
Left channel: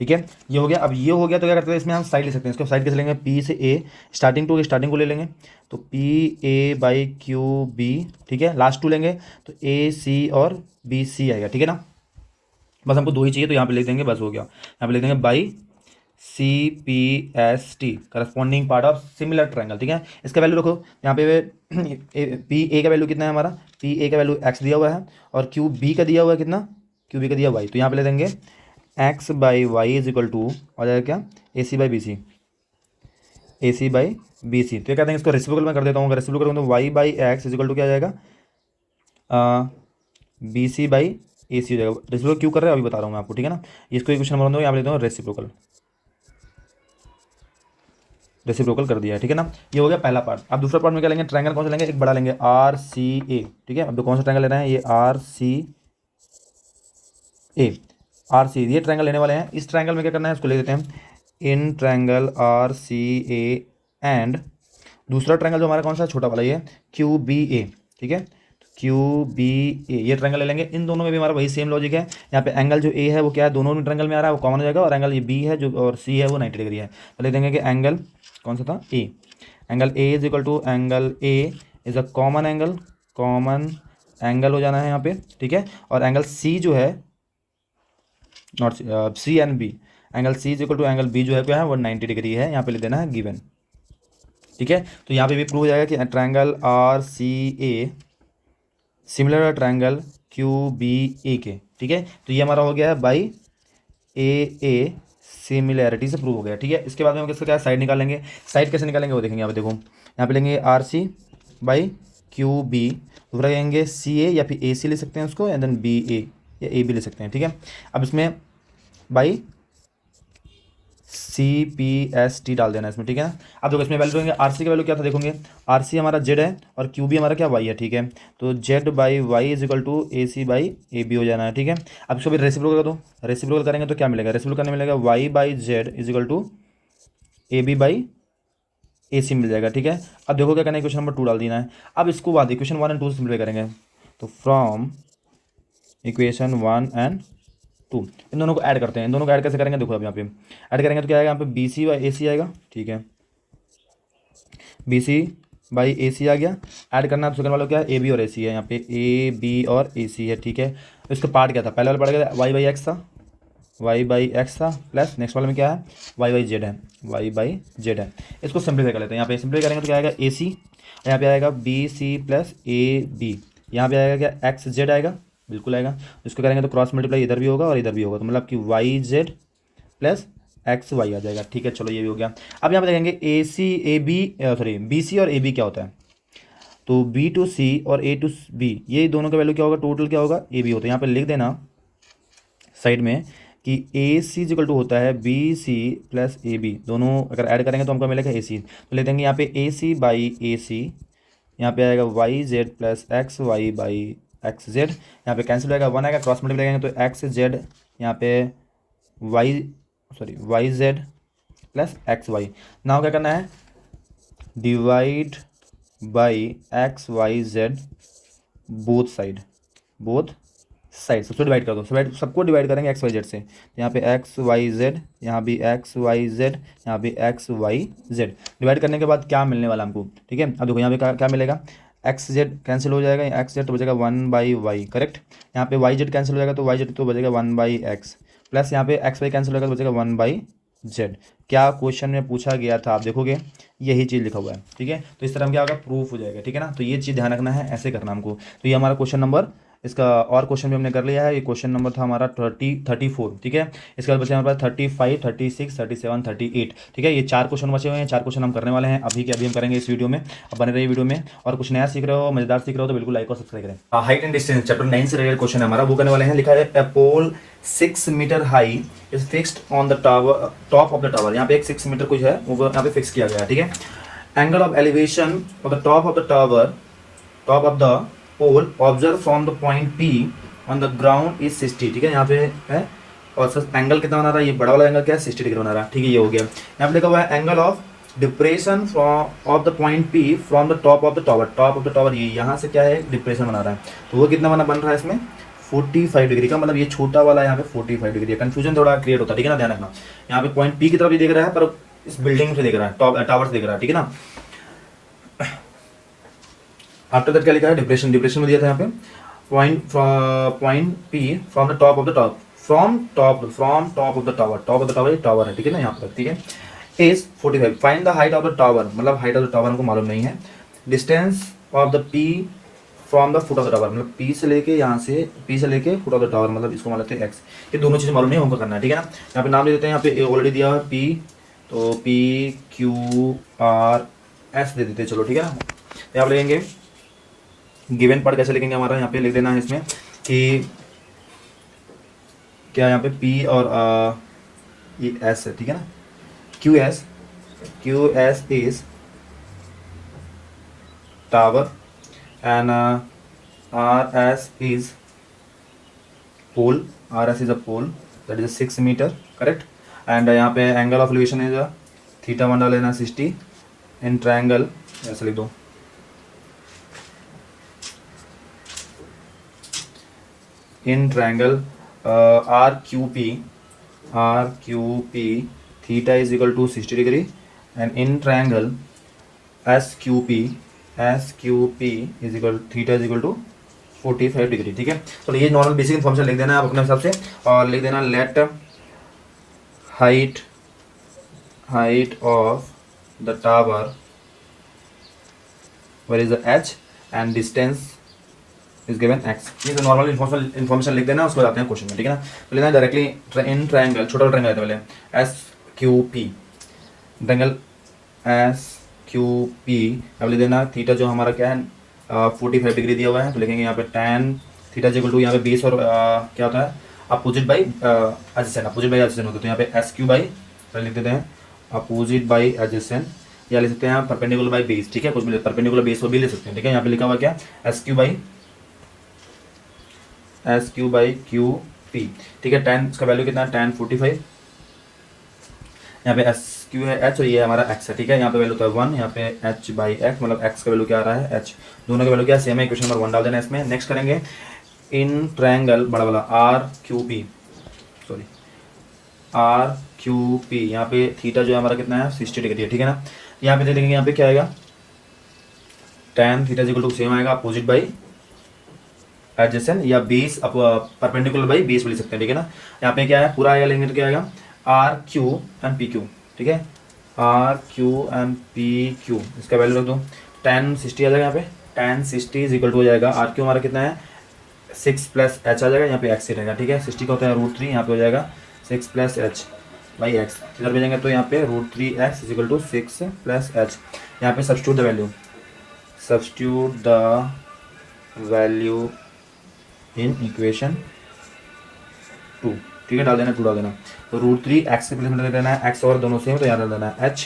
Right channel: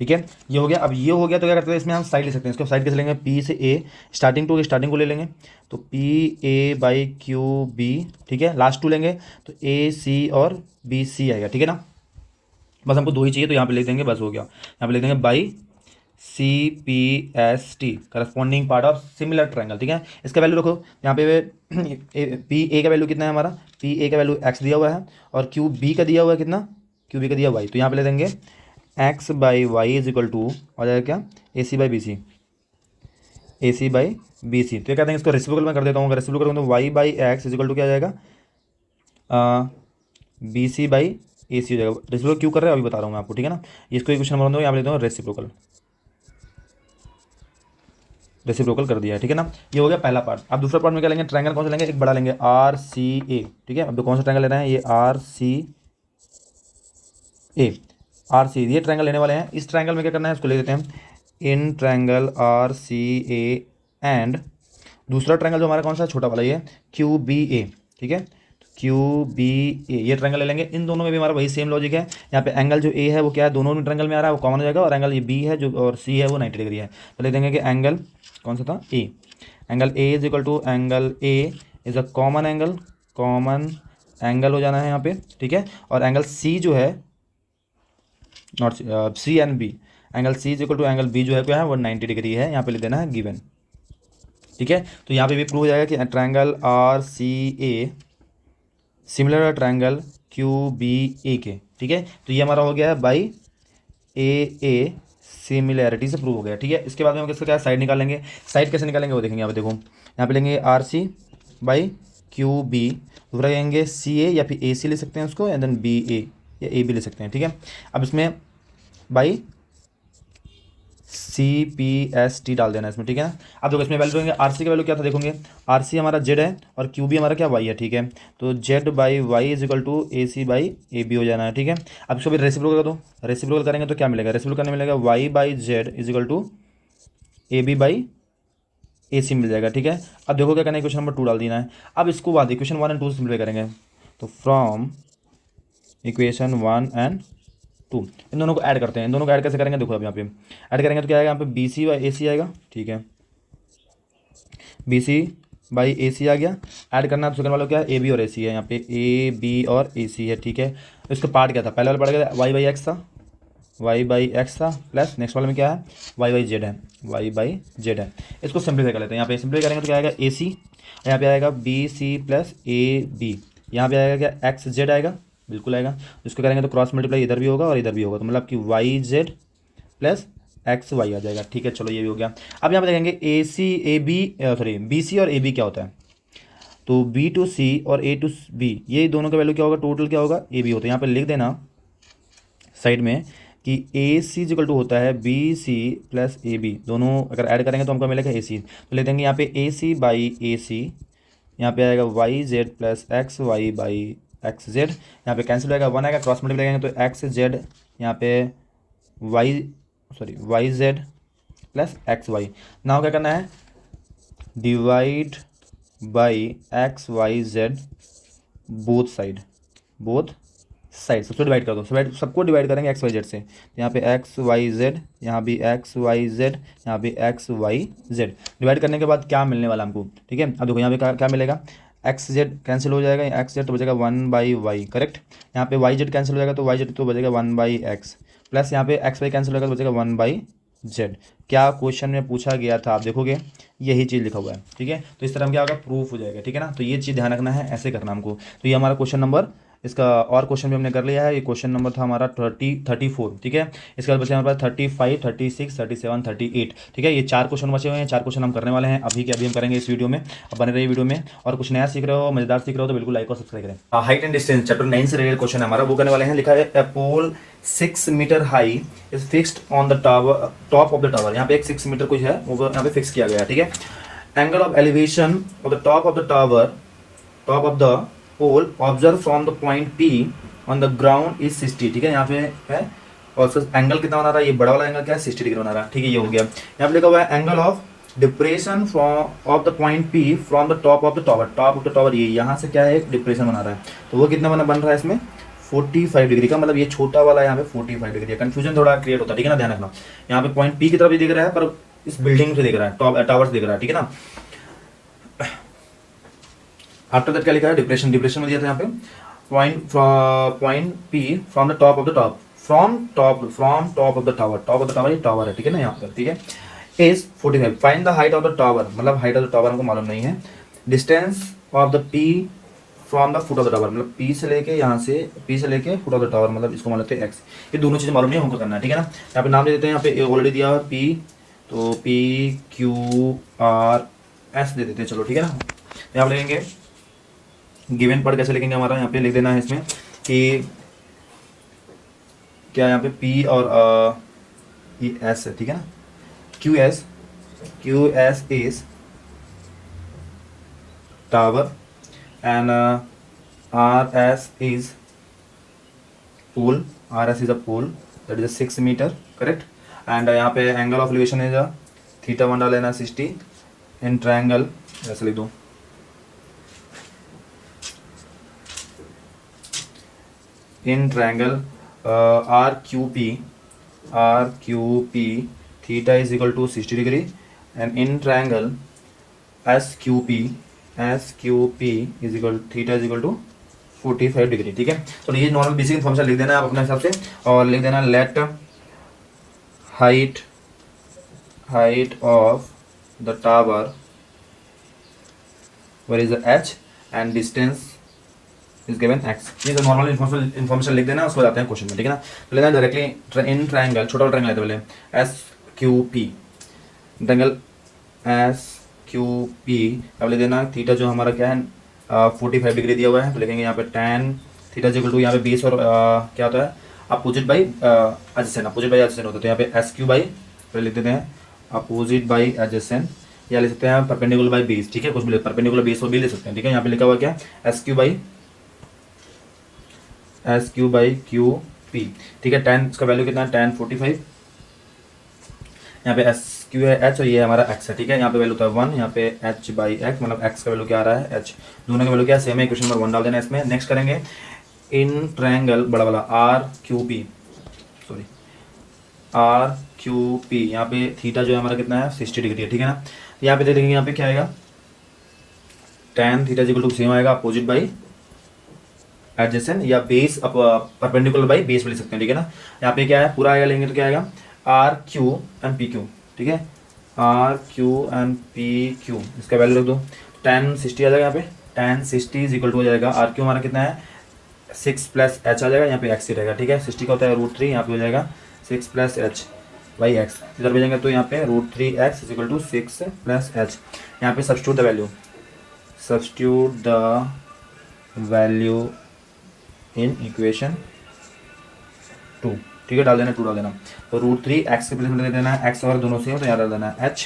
ठीक है। ये हो गया। अब ये हो गया तो क्या करते हैं, इसमें हम साइड ले सकते हैं। इसको साइड कैसे लेंगे, पी से ए, स्टार्टिंग को ले लेंगे, तो P A by Q B, ठीक है। लास्ट टू लेंगे तो ए सी और बी सी आएगा, ठीक है ना। बस हमको दो ही चाहिए, तो यहाँ पे लिख देंगे, बस हो गया। यहाँ पे लिख देंगे by C P S T, corresponding part of similar triangle, ठीक है। इसका वैल्यू रखो यहाँ पे, पी ए का वैल्यू कितना है हमारा, पी ए का वैल्यू एक्स दिया हुआ है और क्यू बी का दिया हुआ है कितना, क्यू बी का दिया वाई। तो यहाँ पे ले देंगे X by Y is equal to हो जाएगा क्या, A C by B C, A C by B C. तो ये कहते हैं, इसको रेसिप्रोकल में कर देता हूँ। अगर रेसिप्रोकल करूँगा तो Y by X is equal to क्या आ जाएगा, बी सी बाई ए सी हो जाएगा। रेसिप्रोकल क्यों कर रहे हैं अभी बता रहा हूँ मैं आपको, ठीक है ना। इसको क्वेश्चन नंबर 2 यहाँ पे लेता हूँ, रेसिप्रोकल कर दिया है, ठीक है ना। ये हो गया पहला पार्ट। अब दूसरा पार्ट में क्या लेंगे, ट्रायंगल कौन सा लेंगे, एक बड़ा लेंगे आर सी ए, ठीक है। अब तो कौन सा ट्रायंगल ले रहे हैं, ये are C A, R C, ये ट्रायंगल लेने वाले हैं। इस ट्रायंगल में क्या करना है, उसको ले देते हैं in triangle R C A and दूसरा ट्रायंगल जो हमारा कौन सा छोटा वाला, ये क्यू बी ए, ठीक है, क्यू बी ए, ये ट्रायंगल ले लेंगे। इन दोनों में भी हमारा वही सेम लॉजिक है। यहाँ पे एंगल जो ए है वो क्या है, दोनों में ट्रायंगल में आ रहा है, वो कॉमन हो जाएगा। और एंगल ये बी है जो और सी है वो 90 डिग्री है। तो ले देंगे कि एंगल कौन सा था, A, angle A is equal to angle A is a common angle हो जाना है यहाँ पे, ठीक है। और एंगल सी जो है, not C and B, angle C is equal to angle B जो है क्या है, वो 90 डिग्री है। यहाँ पे ले देना है गिवन, ठीक है। तो यहाँ पे भी प्रूव हो जाएगा कि triangle R C a similar triangle Q B ए के, ठीक है। तो ये हमारा हो गया है बाई ए सिमिलैरिटी से प्रूव हो गया, ठीक है। इसके बाद में हम किसका क्या साइड निकालेंगे, साइड कैसे निकालेंगे वो देखेंगे। यहाँ पे देखो, यहाँ पे लेंगे R C by Q B, दूसरा लेंगे सी ए या फिर ए सी ले सकते हैं उसको, एंड देन बी ए या ए बी ले सकते हैं, ठीक है। अब इसमें by C P S T डाल देना इसमें, ठीक है ना। अब देखो इसमें वैल्यू आर सी का वैल्यू क्या था, देखोगे आर सी हमारा जेड है और क्यू बी हमारा क्या वाई है, ठीक है। तो Z by Y is equal to A C by A B हो जाना है, ठीक है। अब इसको भी रेसिप्रोकल कर दो, रेसिप्रोकल करेंगे तो क्या मिलेगा, रेसिप्रोकल करने मिलेगा Y by Z is equal to A B by A C मिल जाएगा, ठीक है। अब देखो क्या करना है, क्वेश्चन नंबर 2 डाल देना है। अब इसको बाद इक्वेशन 1 एंड 2 से सिम्प्लीफाई करेंगे। तो फ्रॉम इक्वेशन 1 एंड 2 इन दोनों को ऐड करते हैं। इन दोनों को ऐड कैसे करेंगे, देखो अब यहाँ पे ऐड करेंगे तो क्या आएगा, यहाँ पे बी सी बाई ए सी आएगा, ठीक है। बी सी बाई ए सी आ गया। ऐड करना है सेकंड वाला क्या है, ए बी और ए सी है। यहाँ पे ए बी और ए सी है, ठीक है। इसका पार्ट क्या था, पहले वाला पढ़ गया वाई बाई एक्स था, वाई बाई एक्स था, प्लस नेक्स्ट वाले में क्या है, वाई बाई जेड है, वाई बाई जेड है। इसको सिंप्लीफाई कर लेते हैं। यहाँ पे सिंप्लीफाई करेंगे तो क्या आएगा, ए सी, यहाँ पे आएगा B C plus A B, यहाँ पे आएगा क्या, एक्स जेड आएगा, बिल्कुल आएगा। इसको करेंगे तो क्रॉस मल्टीप्लाई इधर भी होगा और इधर भी होगा, तो मतलब कि Y Z plus X Y आ जाएगा, ठीक है। चलो ये भी हो गया। अब यहाँ पे देखेंगे A C A B, sorry B C और ए बी क्या होता है, तो बी टू सी और ए टू बी, ये दोनों का वैल्यू क्या होगा, टोटल क्या होगा, ए बी होता है। यहाँ पे लिख देना साइड में कि ए सी इक्वल टू होता है B C plus A B, दोनों अगर ऐड करेंगे तो हमको मिलेगा ए सी। तो ले देंगे यहाँ पे ए सी बाई ए सी, यहाँ पे आएगा Y Z plus X Y by X Z, यहाँ पे कैंसिल होगा, 1 आएगा, क्रॉस मल्टीप्लाई करेंगे तो एक्स जेड, यहाँ पे Y sorry Y Z plus X Y. Now क्या करना है, divide by X Y Z both side, both side सबसे डिवाइड कर दो, सबको डिवाइड करेंगे एक्स वाई जेड से। यहाँ पे एक्स वाई जेड, यहाँ भी एक्स वाई जेड, यहाँ पे एक्स वाई जेड। डिवाइड करने के बाद क्या मिलने वाला हमको, ठीक है। अब देखो यहाँ पे क्या मिलेगा, एक्स जेड कैंसिल हो जाएगा, एक्स जेड तो बचेगा वन बाई वाई, करेक्ट। यहाँ पे वाई जेड कैंसिल हो जाएगा तो वाई जेड तो बचेगा वन बाई एक्स, प्लस यहाँ पे एक्स वाई कैंसिल होगा तो बचेगा वन बाई जेड। क्या क्वेश्चन में पूछा गया था आप देखोगे यही चीज़ लिखा हुआ है, ठीक है। तो इस तरह क्या होगा, प्रूफ हो जाएगा, ठीक है ना। तो ये चीज़ ध्यान रखना है, ऐसे करना हमको। तो ये हमारा क्वेश्चन नंबर, इसका और क्वेश्चन भी हमने कर लिया है। ये क्वेश्चन नंबर था हमारा 34, ठीक है। इसके बाद बचे हमारे पास 35, 36, 37, 38, ठीक है। ये 4 क्वेश्चन बचे हुए हैं, 4 क्वेश्चन हम करने वाले हैं अभी के अभी हम करेंगे इस वीडियो में। अब बने रहिए वीडियो में, और कुछ नया सीख रहे हो, मजेदार सीख रहे हो तो बिल्कुल लाइक और सब्सक्राइब करें। हाइट एंड डिस्टेंस चैप्टर 9 से रिलेटेड क्वेश्चन है हमारा, वो करने वाले हैं। लिखा है a pole 6 metre high is fixed on the tower, top of the tower. यहाँ पे एक 6 मीटर कुछ है वो यहाँ पे फिक्स किया गया है, ठीक है। Angle of elevation of the top of the tower, top of the pole observe from the point P on the ground is 60, ठीक है। यहाँ पे है और उसका एंगल कितना बना रहा है, ये बड़ा वाला एंगल क्या है 60 डिग्री बना रहा है, ठीक है। ये हो गया। यहाँ पे लिखा हुआ है angle of depression from of the point P from the top of the tower, top of the tower ये यहाँ से क्या है डिप्रेशन बना रहा है, तो वो कितना बन रहा है इसमें 45 डिग्री का, मतलब ये छोटा वाला यहाँ पे 45 डिग्री है। कंफ्यूजन थोड़ा क्रिएट होता है, ठीक है ना, ध्यान रखना। यहाँ पे पॉइंट पी की तरफ भी दिख रहा है पर इस बिल्डिंग से दिख रहा है, टावर से दिख रहा है, ठीक है ना। आफ्टर दैट क्या लिखा है, डिप्रेशन, डिप्रेशन में दिया था यहाँ पे point P from the top of the top, from top of the tower, top of the tower ये टावर है, ठीक है ना, यहाँ पर, ठीक है। Is 45, find the height of the tower, मतलब हाइट ऑफ द टावर हमको मालूम नहीं है। Distance of the P from the foot of the tower, मतलब पी से लेके यहाँ से पी से लेके फुट ऑफ द टावर, मतलब इसको मान लेते हैं एक्स। ये दोनों चीज़ें मालूम नहीं होगा करना है, ठीक है ना। यहाँ पे नाम दे देते हैं, यहाँ पे ऑलरेडी दिया है पी, तो पी क्यू आर एस दे देते हैं, चलो ठीक है ना। यहाँ पे लेंगे गिवन पार्ट कैसे लिखेंगे, हमारा यहाँ पे लिख देना है इसमें कि क्या यहाँ पे P और ये S है, ठीक है ना। Q S is tower and RS is pole, RS is a pole that is 6 metre, correct. And यहाँ पे angle of elevation is theta 1 डाल लेना 60 इन ट्रायंगल, ऐसे लिख दो in triangle RQP theta is equal to 60 degree, and in triangle SQP is equal theta is equal to 45 degree, ठीक है। तो ये नॉर्मल बेसिक इन्फॉर्मेशन लिख देना है आप अपने हिसाब से, और लिख देना let height of the tower where is the h and distance is given X. ये तो नॉर्मल इन्फॉर्मेशन लिख देना, उसको जाते हैं क्वेश्चन में, ठीक है ना। तो लेना डायरेक्टली इन ट्रायंगल, छोटा ट्रायंगल लेते पहले SQP, ट्रायंगल SQP अब ले देना थीटा जो हमारा क्या है 45 डिग्री दिया हुआ है, तो लिखेंगे यहाँ पे tan थीटा इक्वल टू यहाँ पे बेस और क्या होता है opposite by adjacent, opposite by adjacent होता है। तो यहाँ पे SQ बाई लिख देते हैं अपोजिट बाई एडजेसेंट, या ले सकते हैं परपेंडिकुलर बाई बेस, ठीक है। कुछ भी परपेंडिकुलर बेस को भी ले सकते हैं, ठीक है। यहाँ पे लिखा हुआ क्या SQ बाई क्यू पी, ठीक है। tan इसका वैल्यू कितना है tan 45, यहाँ पे SQ है h और ये हमारा x है, ठीक है। यहाँ पे वैल्यू होता है 1, यहाँ पे h बाई x, मतलब x का वैल्यू क्या आ रहा है h, दोनों का वैल्यू क्या सेम है, इक्वेशन नंबर 1 डाल देना है इसमें। नेक्स्ट करेंगे इन ट्रायंगल बड़ा वाला RQP, यहाँ पे थीटा जो है हमारा कितना है 60 डिग्री है, ठीक है ना। यहाँ पे देख लेंगे यहाँ पे क्या आएगा tan theta equal to same आएगा अपोजिट बाई एडजेसेंट या बेस परपेंडिकुलर बाई बेस ले सकते हैं, ठीक है ना। यहाँ पे क्या है पूरा आएगा लेंगे तो क्या आएगा RQ एंड PQ, ठीक है। RQ एंड PQ इसका वैल्यू रख दो, tan 60 आ जाएगा यहाँ पे, tan 60 इज इक्वल टू हो जाएगा RQ हमारा कितना है 6 प्लस h आ जाएगा, यहाँ पे x ही रहेगा, ठीक है। 60 का होता है √3, यहाँ पे हो जाएगा 6 प्लस h बाई x, इधर भेजेंगे तो यहाँ पे √3x is equal to 6 plus h। यहाँ पे substitute the value in equation 2, ठीक है। डाल देना 2 डाल देना, तो √3x के प्लेस में देना है x और दोनों सेम, तो यहाँ डाल देना है h,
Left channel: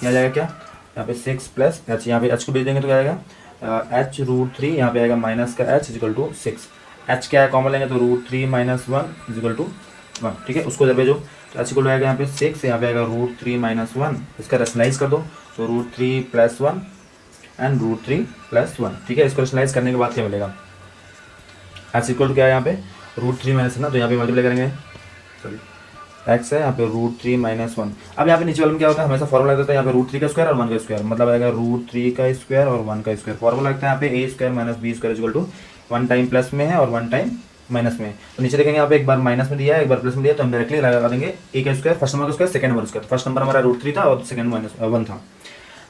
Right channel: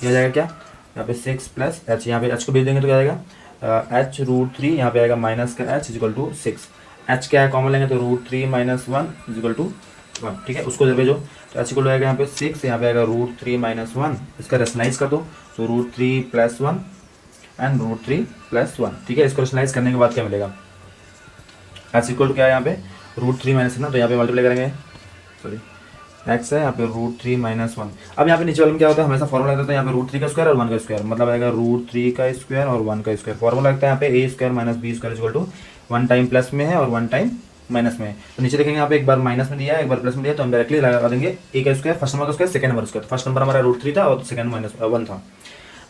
क्या आ जाएगा क्या यहाँ पे 6 प्लस h, यहाँ पे h को भेज देंगे तो क्या आएगा h √3, यहाँ पे आएगा माइनस का h is equal to 6, h क्या है कॉमन लेंगे तो √3 - 1 इज इक्वल टू 1, ठीक है, उसको इधर भेजो। तो एच इक्वल आएगा यहाँ पे 6, यहाँ पे आएगा √3 - 1, इसका रेशनलाइज कर दो, तो √3 + 1 एंड √3 + 1, ठीक है। इसको रेशनलाइज करने के बाद क्या मिलेगा, एच इक्वल क्या है यहाँ पे √3 - ना, तो यहाँ पे मल्टीप्लाई करेंगे, सॉरी एक्स है यहाँ पे √3 - 1। अब यहाँ पे नीचे वाले में क्या होता है, हमेशा फॉर्मूला देता है यहाँ पे √3 का स्क्वायर और 1 का स्क्वायर, मतलब आएगा √3 का स्क्वायर और 1 का स्क्वायर। फॉर्मूला लगता है यहाँ पे a² - b² = 1 टाइम प्लस में है और 1 टाइम माइनस में है। तो नीचे देखेंगे यहाँ पे एक बार माइनस में दिया है, एक बार प्लस में दिया, तो हम डायरेक्टली लगा देंगे a का स्क्वायर, फर्स्ट नंबर का square, second number square. First number हमारा √3 था और सेकंड -1 था।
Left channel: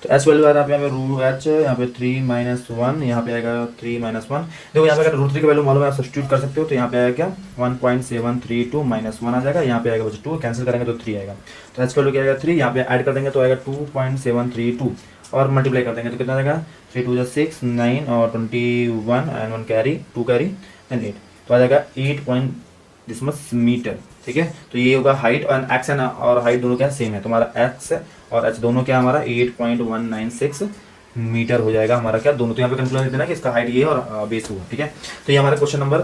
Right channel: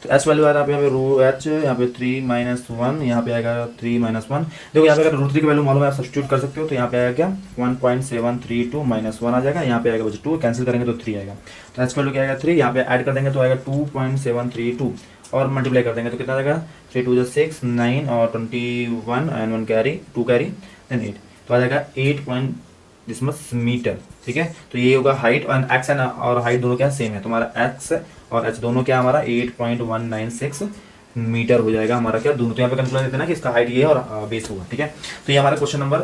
तो एच वैल्यू आ रहा है यहाँ पे h यहाँ पे 3 - 1, यहाँ पे आएगा 3 - 1। देखो यहाँ पे अगर √3 की वैल्यू मालूम है, आप सब्स्टिट्यूट कर सकते हो, तो यहाँ पे आएगा क्या 1.732 - 1 आ जाएगा, यहाँ पे आएगा बचा 2, कैंसिल करेंगे तो 3 आएगा। तो एच वैल्यू क्या आएगा 3, यहाँ पे ऐड कर देंगे तो आएगा 2.732 और मल्टीप्लाई कर देंगे तो कितना आएगा 3 × 2 = 6, 9 और 21 एंड 1 कैरी, 2 कैरी एंड 8, तो आ जाएगा 8 मीटर, ठीक है। तो ये होगा हाइट, और एक्स और हाइट दोनों क्या सेम है, तो हमारा एक्स और एच दोनों क्या हमारा 8.196 मीटर हो जाएगा हमारा क्या, दोनों। तो यहाँ पे कंक्लूजन देते हैं कि इसका हाइट ये है और बेस होगा, ठीक है। तो ये हमारा क्वेश्चन नंबर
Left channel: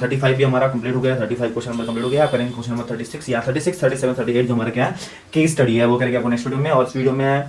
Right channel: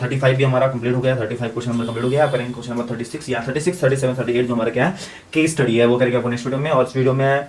35 भी हमारा कंप्लीट हो गया, 35 क्वेश्चन नंबर कंप्लीट हो गया। करेंगे क्वेश्चन नंबर 36 या 36, 37, 38 जो हमारा क्या है की स्टडी है, वो करेंगे अपने नेक्स्ट वीडियो में। और इस वीडियो में